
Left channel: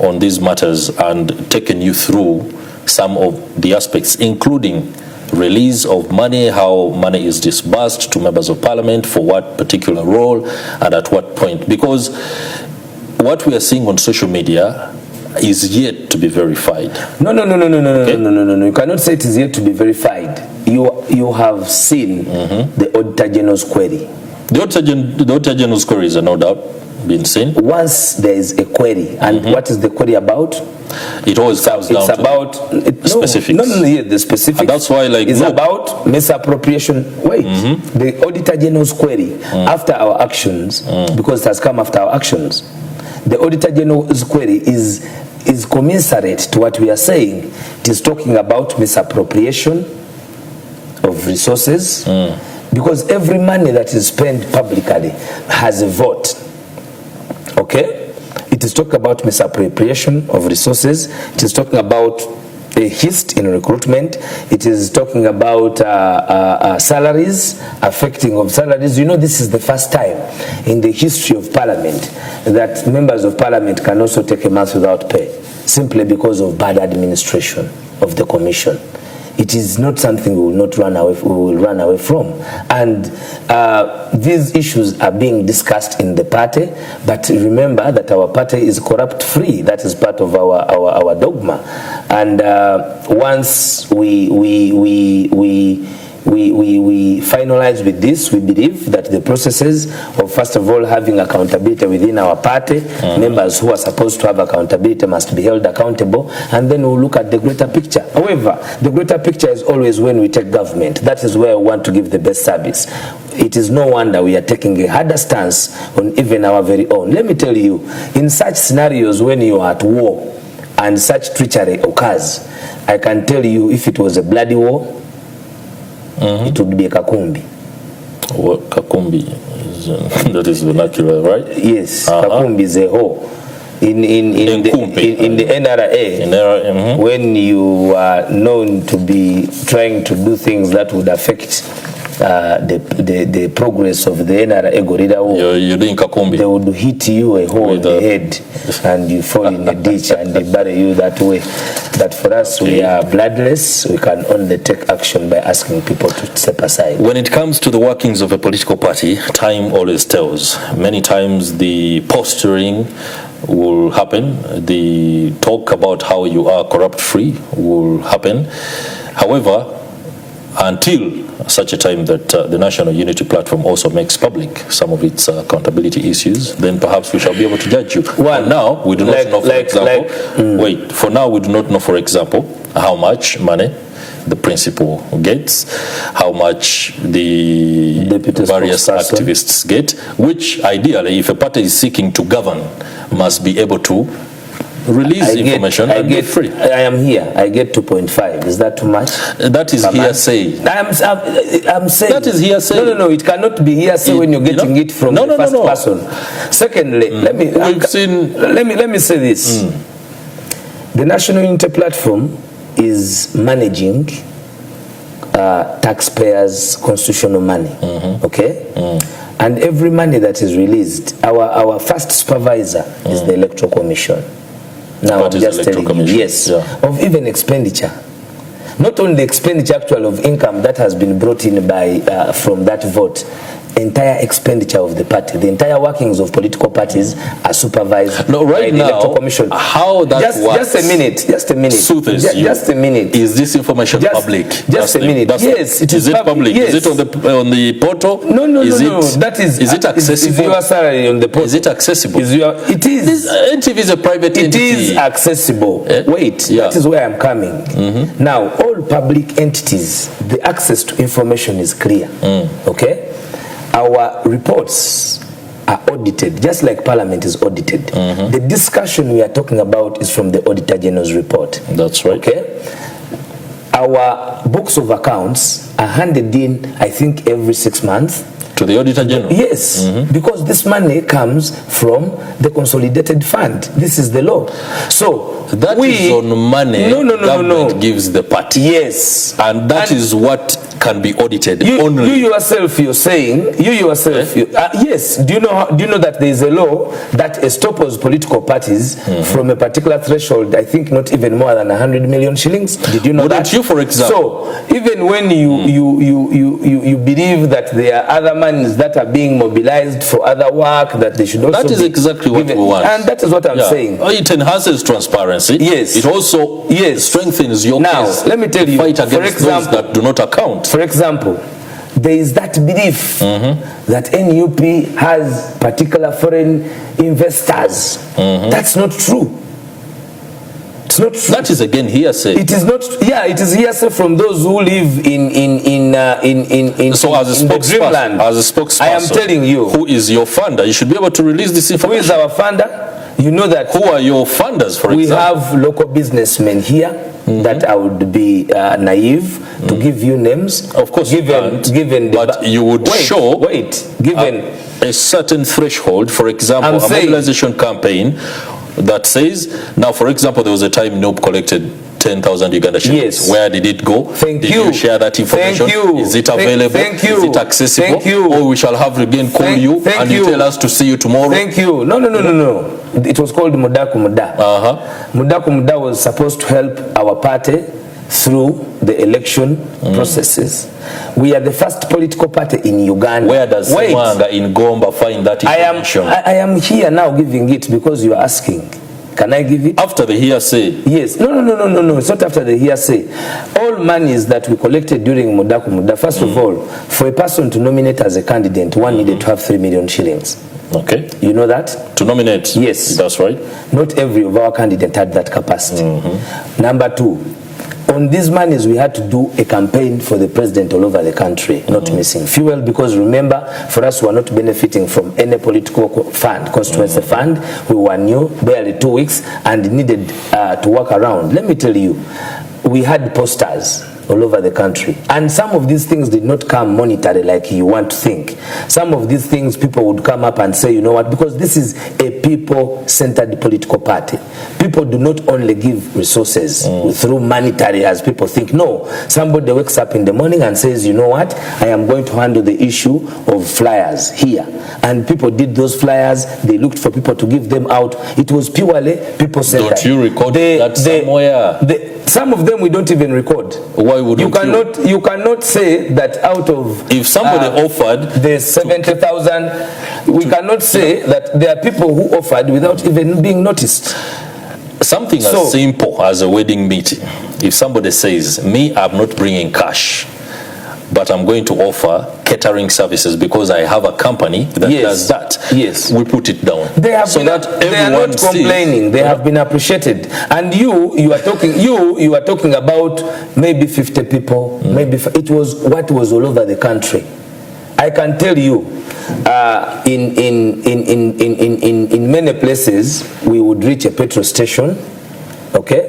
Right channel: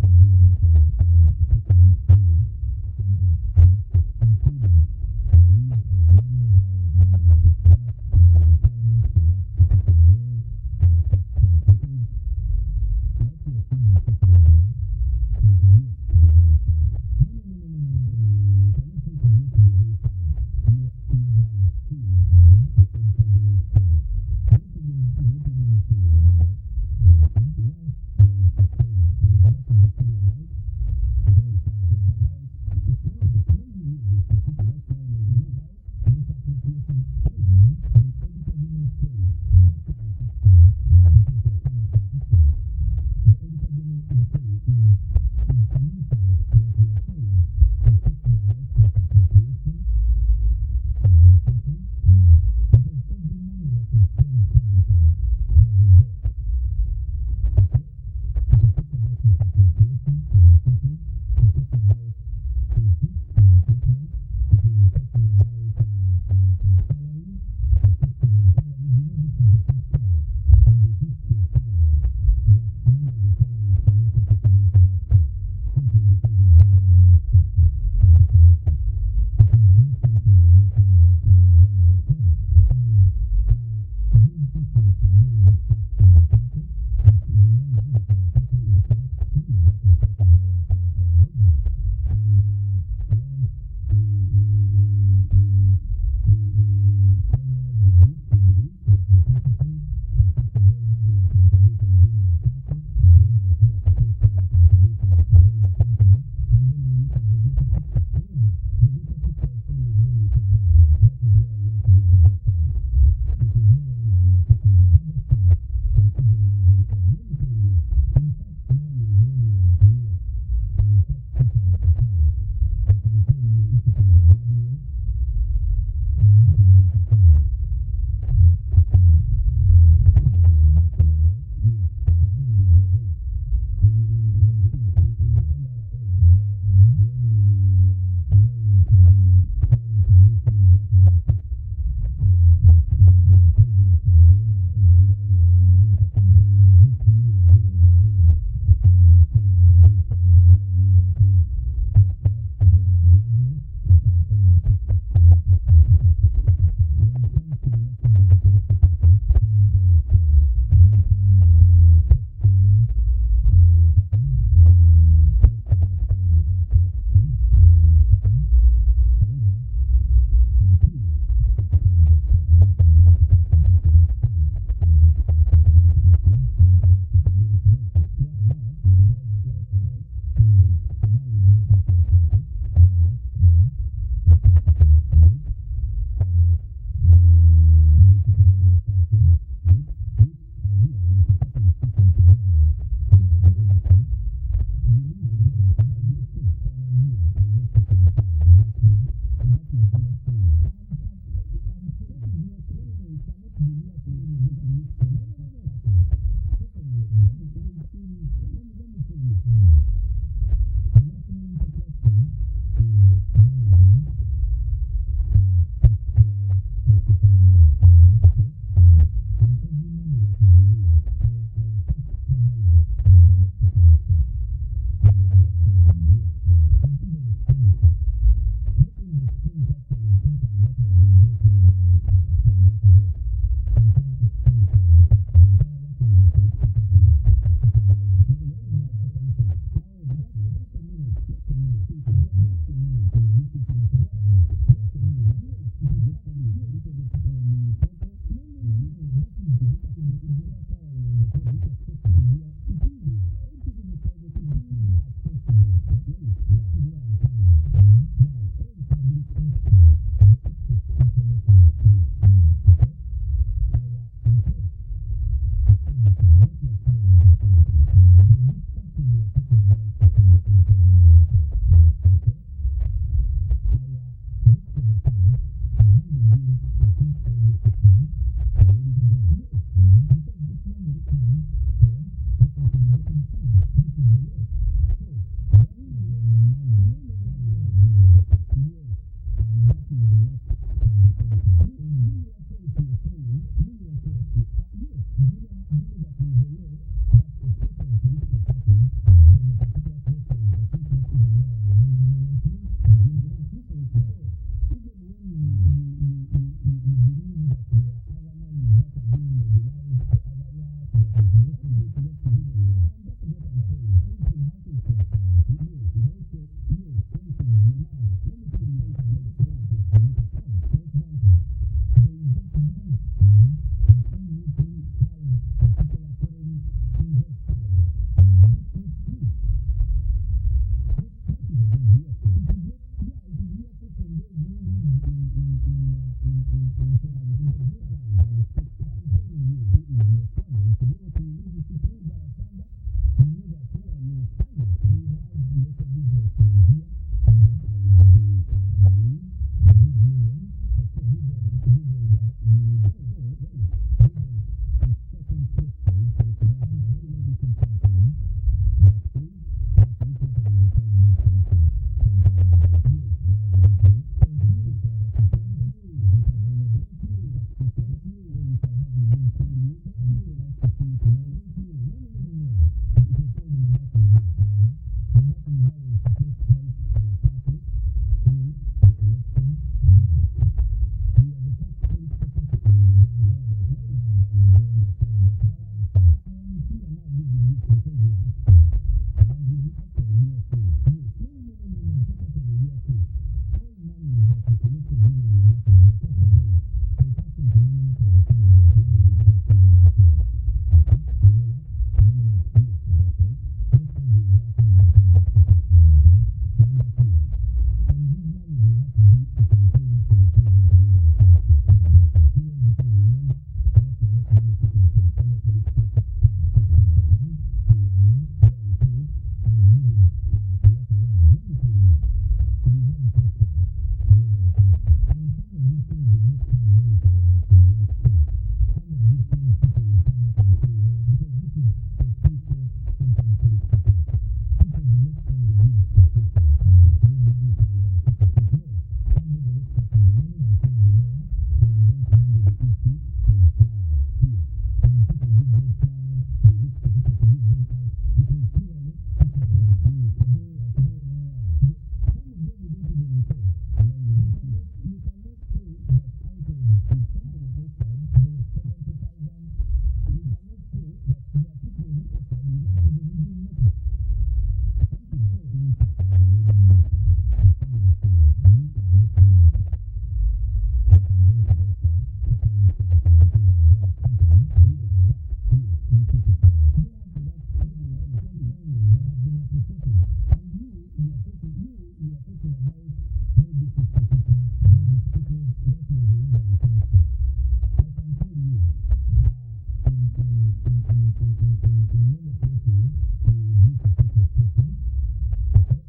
on these matters and taken you through some of the aspects, including release of money, how money is disbursed to members of Parliament, for what particular role and at what point? Because what we are seeing on social media is yet to be verified. No. You cannot say it is yet to be verified. You have seen the Auditor General's query. The Auditor General's queries are no doubt been seen. Once there is a query, and what is the query about? It always comes down to specifics. The specifics. And that's why, it's about misappropriation. Wait, the Auditor General's query after our actions, because it has come after our actions. The Auditor General's query is commensurate to what we are saying. It is talking about misappropriation of resources, because every money that is spent publicly has a vote. Okay? It is talking about misappropriation of resources. It is talking about a hist in recruitment. It is talking about salaries, affecting of salaries. You know, this is the first time in the history of Parliament that members of Parliament can also take a month without pay, simply because of bad administration of the Commission. It is not something we will run away from. And these issues are being discussed in the party, but remember that our party is corrupt free. That is part of our dogma. And once we finalize with this, we believe that the processes of, first of all, having accountability within our party, members who are supposed to have accountability must be held accountable, and then we'll look at the greater picture. However, the greater picture is always when we take government. That is where we want to give the best service. It is no wonder we are taking a harder stance on even our very own. Let me tell you, in such scenarios when you are at war and such treachery occurs, I can tell you, if it was a bloody war, it would be a kakumbi. What kakumbi is, that is vernacular, right? Yes, kakumbi is a hoe. In the NRA, when you are known to be trying to do things that would affect the progress of the NRA gorilla, you're doing kakumbi. They would hit you a hole in the head and you fall in a ditch and they bury you that way. But for us, we are bloodless. We can only take action by asking people to step aside. When it comes to the workings of a political party, time always tells. Many times the posturing will happen. The talk about how you are corrupt free will happen. However, until such a time that the National Unity Platform also makes public some of its accountability issues, then perhaps we shall be able to judge you. Well, for now, we do not know, for example, for now we do not know, for example, how much money the principal gets, how much the various activists get, which ideally, if a party is seeking to govern, must be able to release information and be free. I am here. I get 2.5. Is that too much? That is hearsay. I'm saying that is hearsay. No. It cannot be hearsay when you're getting it from the first person. Secondly, let me say this. The National Unity Platform is managing taxpayers' constitutional money. Okay. And every money that is released, our first supervisor is the Electoral Commission. Now I'm just telling you, yes, of even expenditure. Not only expenditure actual of income that has been brought in by from that vote, entire expenditure of the party, the entire workings of political parties are supervised by the Electoral Commission. How that works? Just a minute. Just a minute. Is this information public? Just a minute. Yes, it is public. Yes. Is it on the portal? No. That is it accessible? Is your salary on the portal? Is it accessible? It is. NTV is a private entity. It is accessible. Wait, that is where I'm coming. Now, all public entities, the access to information is clear. Okay? Our reports are audited, just like Parliament is audited. The discussion we are talking about is from the Auditor General's report. That's right. Okay? Our books of accounts are handed in, I think, every 6 months. To the Auditor General? Yes, because this money comes from the consolidated fund. This is the law. So that is on money government gives the party. Yes. And that is what can be audited only. You yourself, you're saying, yes. Do you know that there is a law that estoppels political parties from a particular threshold, I think not even more than 100 million shillings? Did you know that? Wouldn't you, for example? So even when you believe that there are other monies that are being mobilized for other work, that they should also that is exactly what we want. And that is what I'm saying. It enhances transparency. Yes. It also strengthens your case. Let me tell you, fight against those that do not account. For example, there is that belief that NUP has particular foreign investors. That's not true. It's not true. That is again hearsay. It is not. Yeah, it is hearsay from those who live in so as a spokesperson, I am telling you, who is your funder? You should be able to release this information. Who is our funder? You know that. Who are your funders, for example? We have local businessmen here that I would be naive to give you names. Of course, given but you would given a certain threshold, for example, a mobilization campaign that says, now, for example, there was a time NOP collected 10,000 Uganda shillings. Yes. Where did it go? Did you share that information? Is it available? Is it accessible? Or we shall have again call you and you tell us to see you tomorrow? Thank you. No. It was called Mudaku Muda. Mudaku Muda was supposed to help our party through the election processes. We are the first political party in Uganda. Where does Mwanga in Gomba find that information? I am here now giving it because you are asking. Can I give it? After the hearsay? Yes. No. It's not after the hearsay. All monies that we collected during Mudaku Muda, first of all, for a person to nominate as a candidate, one needed to have 3 million shillings. Okay. You know that? To nominate? Yes. That's right. Not every of our candidates had that capacity. Number two, on these monies, we had to do a campaign for the president all over the country, not missing fuel, because remember, for us, we are not benefiting from any political fund, constituency fund. We were new, barely 2 weeks, and needed to work around. Let me tell you, we had posters all over the country, and some of these things did not come monetary like you want to think. Some of these things people would come up and say, you know what, because this is a people-centered political party. People do not only give resources through monetary as people think. No, somebody wakes up in the morning and says, you know what, I am going to handle the issue of flyers here, and people did those flyers. They looked for people to give them out. It was purely people-centered. Don't you record that somewhere? Some of them we don't even record. Why would you cannot say that out of if somebody offered the 70,000, we cannot say that there are people who offered without even being noticed. Something as simple as a wedding meeting. If somebody says, me, I'm not bringing cash, but I'm going to offer catering services because I have a company that does that. Yes. We put it down. They are not complaining. They have been appreciated. And you are talking about maybe 50 people. Maybe it was what was all over the country. I can tell you, in many places we would reach a petrol station, okay,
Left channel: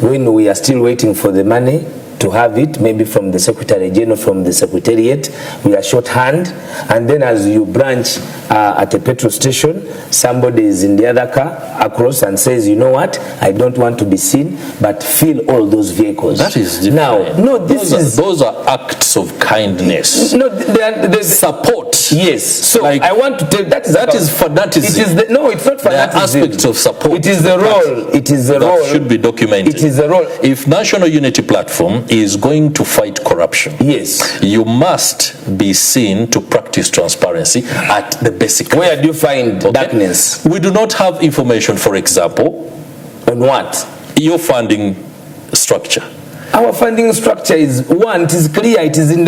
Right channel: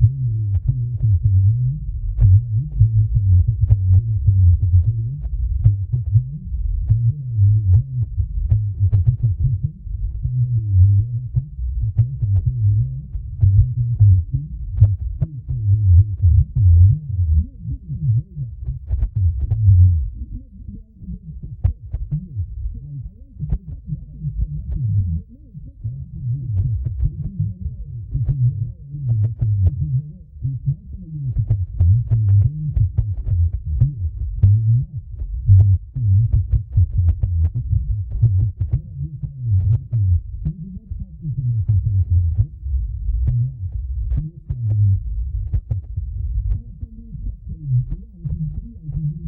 when we are still waiting for the money to have it, maybe from the Secretary General, from the Secretariat, we are shorthand, and then as you branch at a petrol station, somebody is in the other car across and says, you know what, I don't want to be seen, but fill all those vehicles. That is different. Now, no, those are acts of kindness. No, they support. Yes. So like, I want to tell that is fanatism. No, it's not fanatism. There are aspects of support. It is the role. It is the role. Should be documented. It is the role. If National Unity Platform is going to fight corruption, yes, you must be seen to practice transparency at the basic level. Where do you find darkness? We do not have information, for example, on what? Your funding structure. Our funding structure is one, it is clear, it is in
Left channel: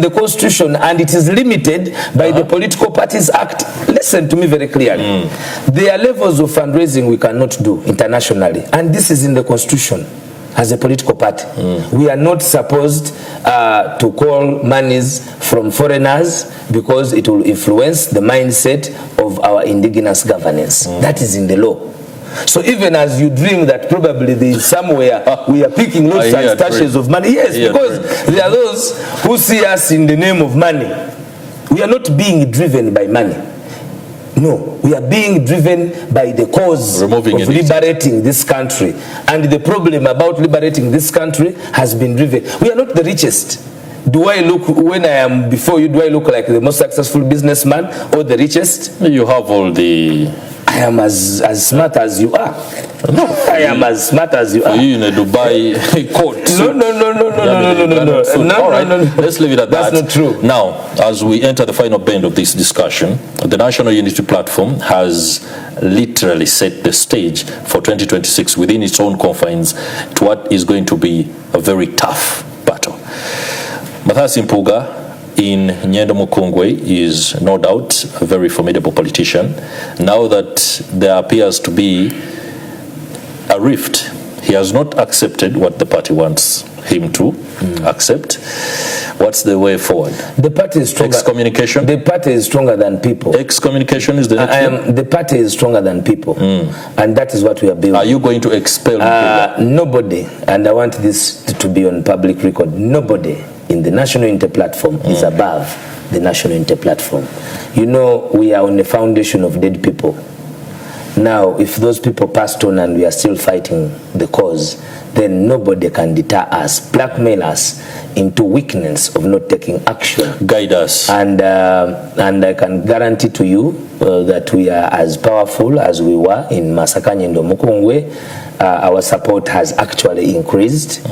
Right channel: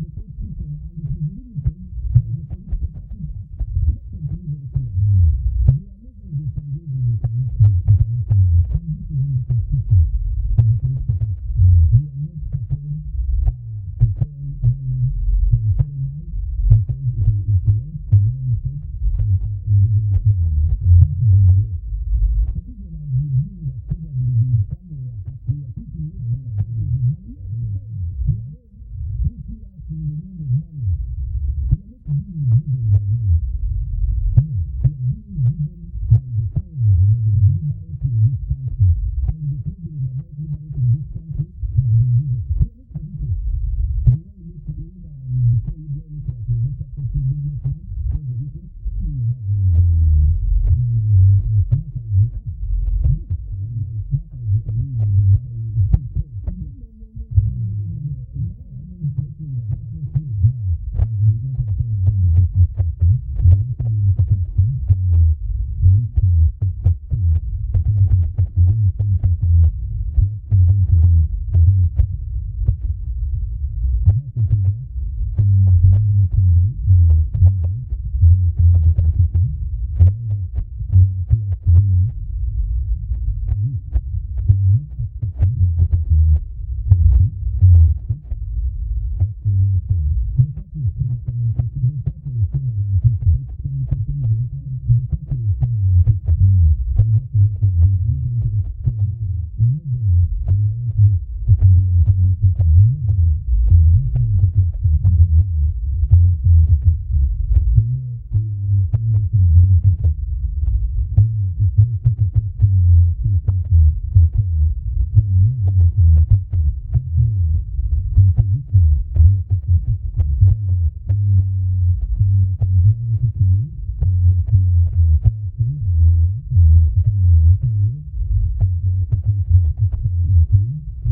the Constitution, and it is limited by the Political Parties Act. Listen to me very clearly. There are levels of fundraising we cannot do internationally, and this is in the Constitution. As a political party, we are not supposed to call monies from foreigners because it will influence the mindset of our indigenous governance. That is in the law. So even as you dream that probably there is somewhere we are picking lots and stashes of money, yes, because there are those who see us in the name of money. We are not being driven by money. No, we are being driven by the cause of liberating this country. And the problem about liberating this country has been driven. We are not the richest. Do I look, when I am before you, do I look like the most successful businessman or the richest? You have all the... I am as smart as you are. No, I am as smart as you are. You in a Dubai court. No. All right, let's leave it at that. That's not true. Now, as we enter the final bend of this discussion, the National Unity Platform has literally set the stage for 2026 within its own confines to what is going to be a very tough battle. Mpuuga in Nyendo Mukungwe is no doubt a very formidable politician. Now that there appears to be a rift, he has not accepted what the party wants him to accept. What's the way forward? The party is stronger. Excommunication? The party is stronger than people. Excommunication is the next thing? The party is stronger than people. And that is what we are building. Are you going to expel nobody, and I want this to be on public record, nobody in the National Unity Platform is above the National Unity Platform. You know, we are on the foundation of dead people. Now, if those people passed on and we are still fighting the cause, then nobody can deter us, blackmail us into weakness of not taking action. Guide us. And I can guarantee to you that we are as powerful as we were in Nyendo Mukungwe. Our support has actually increased.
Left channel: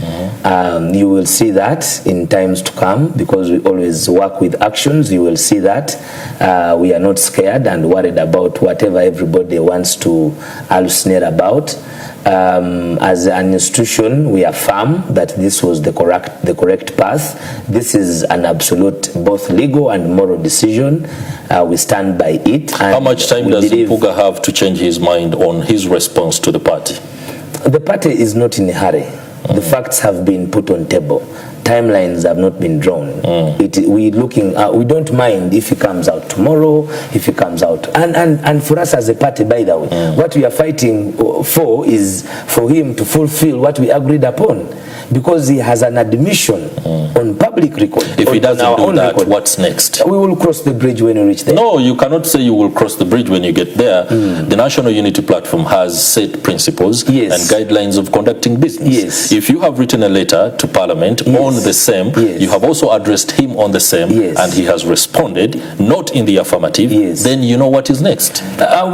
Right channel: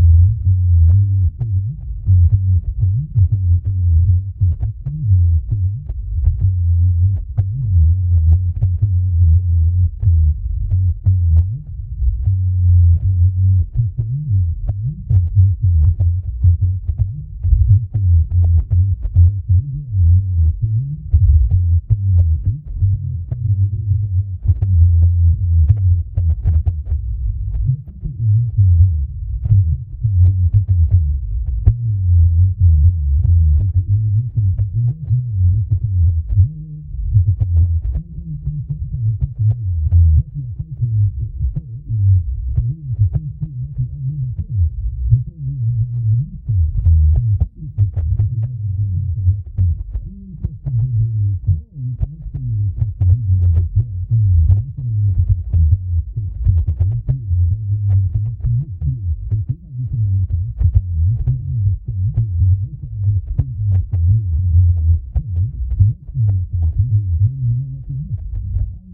You will see that in times to come because we always work with actions. You will see that we are not scared and worried about whatever everybody wants to hallucinate about. As an institution, we are firm that this was the correct path. This is an absolute both legal and moral decision. We stand by it. And how much time does Mpuuga have to change his mind on his response to the party? The party is not in a hurry. The facts have been put on table. Timelines have not been drawn. We don't mind if he comes out tomorrow, if he comes out. And for us as a party, by the way, what we are fighting for is for him to fulfill what we agreed upon. Because he has an admission on public record. If he doesn't do that, what's next? We will cross the bridge when we reach there. No, you cannot say you will cross the bridge when you get there. The National Unity Platform has set principles and guidelines of conducting business. If you have written a letter to Parliament on the same. Yes. You have also addressed him on the same, yes. and he has responded not in the affirmative. Yes. Then you know what is next. I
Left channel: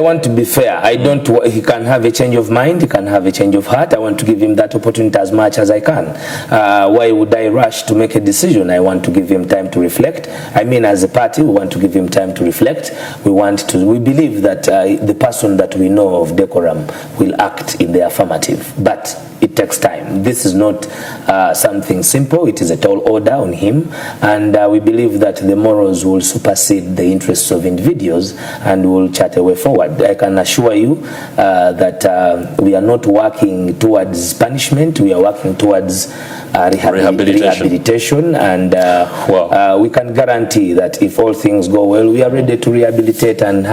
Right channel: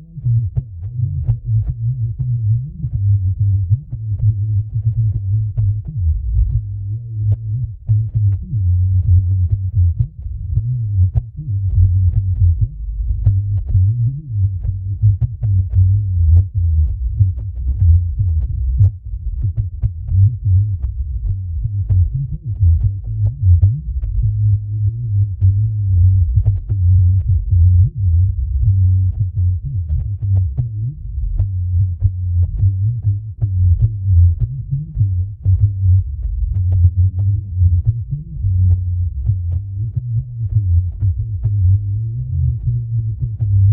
want to be fair. I don't. He can have a change of mind. He can have a change of heart. I want to give him that opportunity as much as I can. Why would I rush to make a decision? I want to give him time to reflect. I mean, as a party, we want to give him time to reflect. We believe that the person that we know of decorum will act in the affirmative, but it takes time. This is not something simple. It is a tall order on him, and we believe that the morals will supersede the interests of individuals and will chart a way forward. I can assure you that we are not working towards punishment. We are working towards rehabilitation, and we can guarantee that if all things go well, we are ready to rehabilitate and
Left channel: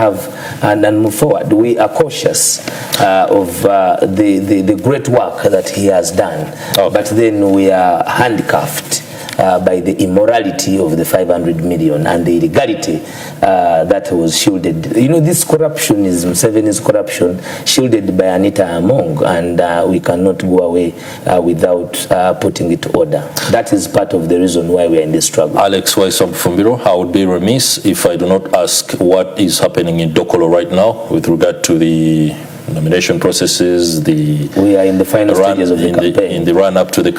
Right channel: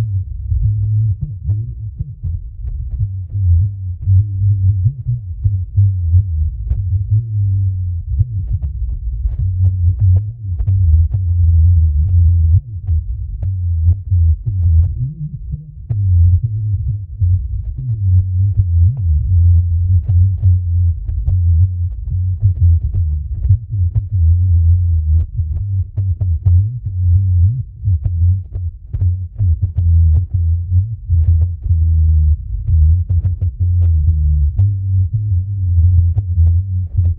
move forward. We are cautious of the great work that he has done, but then we are handcuffed by the immorality of the 500 million and the illegality that was shielded. You know, this corruption is Museveni's corruption, shielded by Anita Among, and we cannot go away without putting it to order. That is part of the reason why we are in this struggle. Alex Waiswa Mufumbiro, I would be remiss if I do not ask what is happening in Dokolo right now with regard to the nomination processes, we are in the final stages of the campaign. In the run-up to the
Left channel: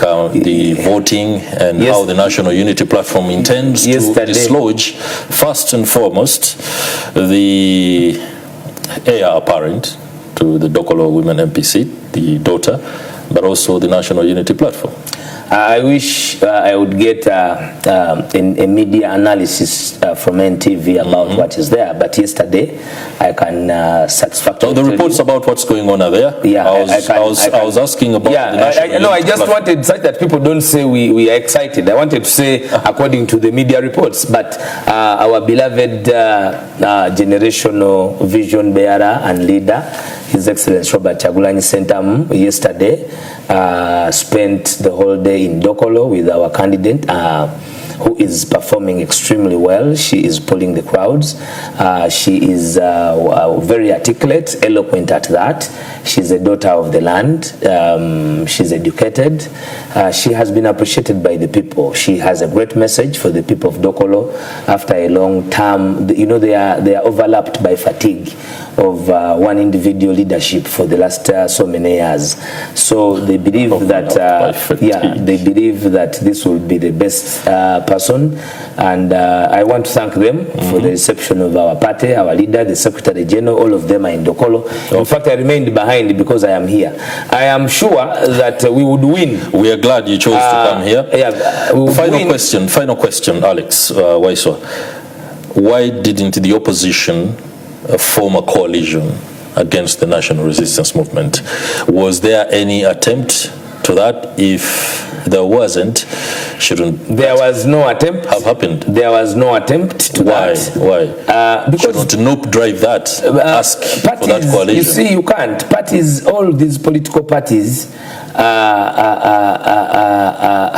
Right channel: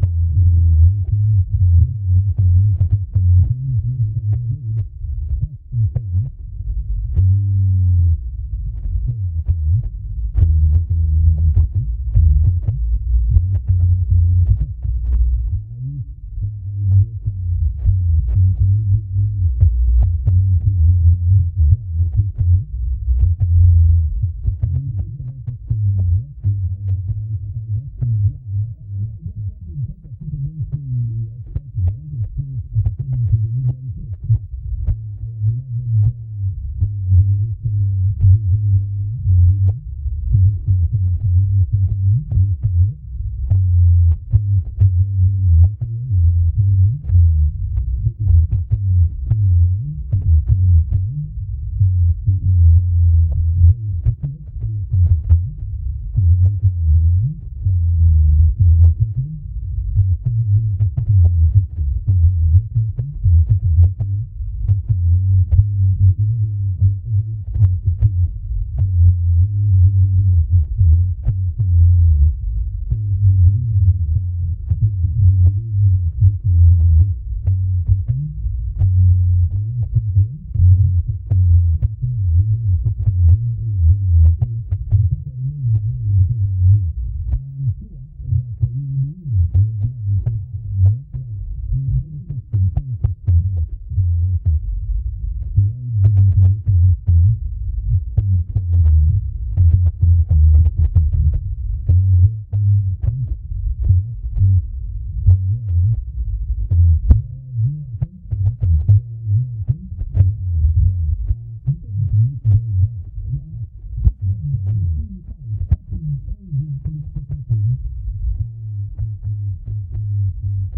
voting, and how the National Unity Platform intends to dislodge, first and foremost, the heir apparent to the Dokolo Women MPC, the daughter, but also the National Unity Platform. I wish I would get a media analysis from NTV about what is there, but yesterday I can satisfactorily. So the reports about what's going on are there? Yeah, I was asking about the National Unity I just wanted such that people don't say we are excited. I wanted to say according to the media reports, but our beloved generational vision bearer and leader, His Excellency Robert Kyagulanyi Ssentamu, yesterday spent the whole day in Dokolo with our candidate, who is performing extremely well. She is pulling the crowds. She is very articulate, eloquent at that. She's a daughter of the land. She's educated. She has been appreciated by the people. She has a great message for the people of Dokolo after a long term. You know, they are overlapped by fatigue of one individual leadership for the last so many years. So they believe that they believe that this will be the best person, and I want to thank them for the reception of our party, our leader, the Secretary General. All of them are in Dokolo. In fact, I remained behind because I am here. I am sure that we would win. We are glad you chose to come here. Final question, Alex Waiswa. Why didn't the opposition form a coalition against the National Resistance Movement? Was there any attempt to that? If there wasn't, there was no attempt have happened? There was no attempt to that. Why? Because shouldn't NUP drive that? Ask parties, for that coalition. You see, you can't. Parties, all these political parties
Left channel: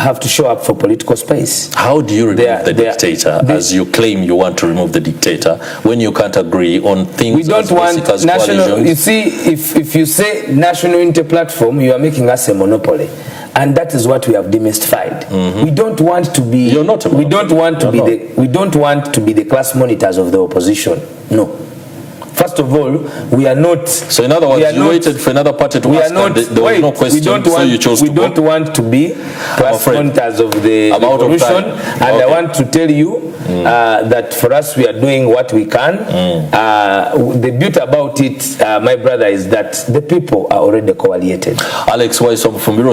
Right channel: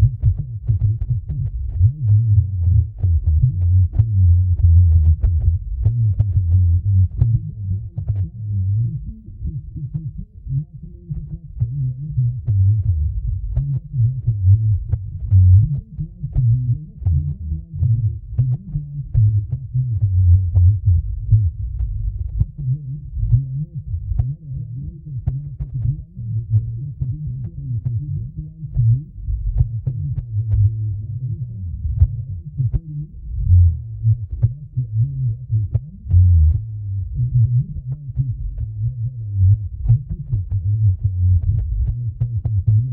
have to show up for political space. How do you remove the dictator, as you claim you want to remove the dictator, when you can't agree on things? We don't want national. You see, if you say National Unity Platform, you are making us a monopoly. And that is what we have demystified. We don't want to be. You're not a monopoly. We don't want to be the. We don't want to be the class monitors of the opposition. No. First of all, we are not. So in other words, you waited for another party to ask, and there was no question, so you chose to go. We don't want to be class monitors of the revolution. And I want to tell you that for us, we are doing what we can. The beauty about it, my brother, is that the people are already coaliated. Alex Waiswa Mufumbiro.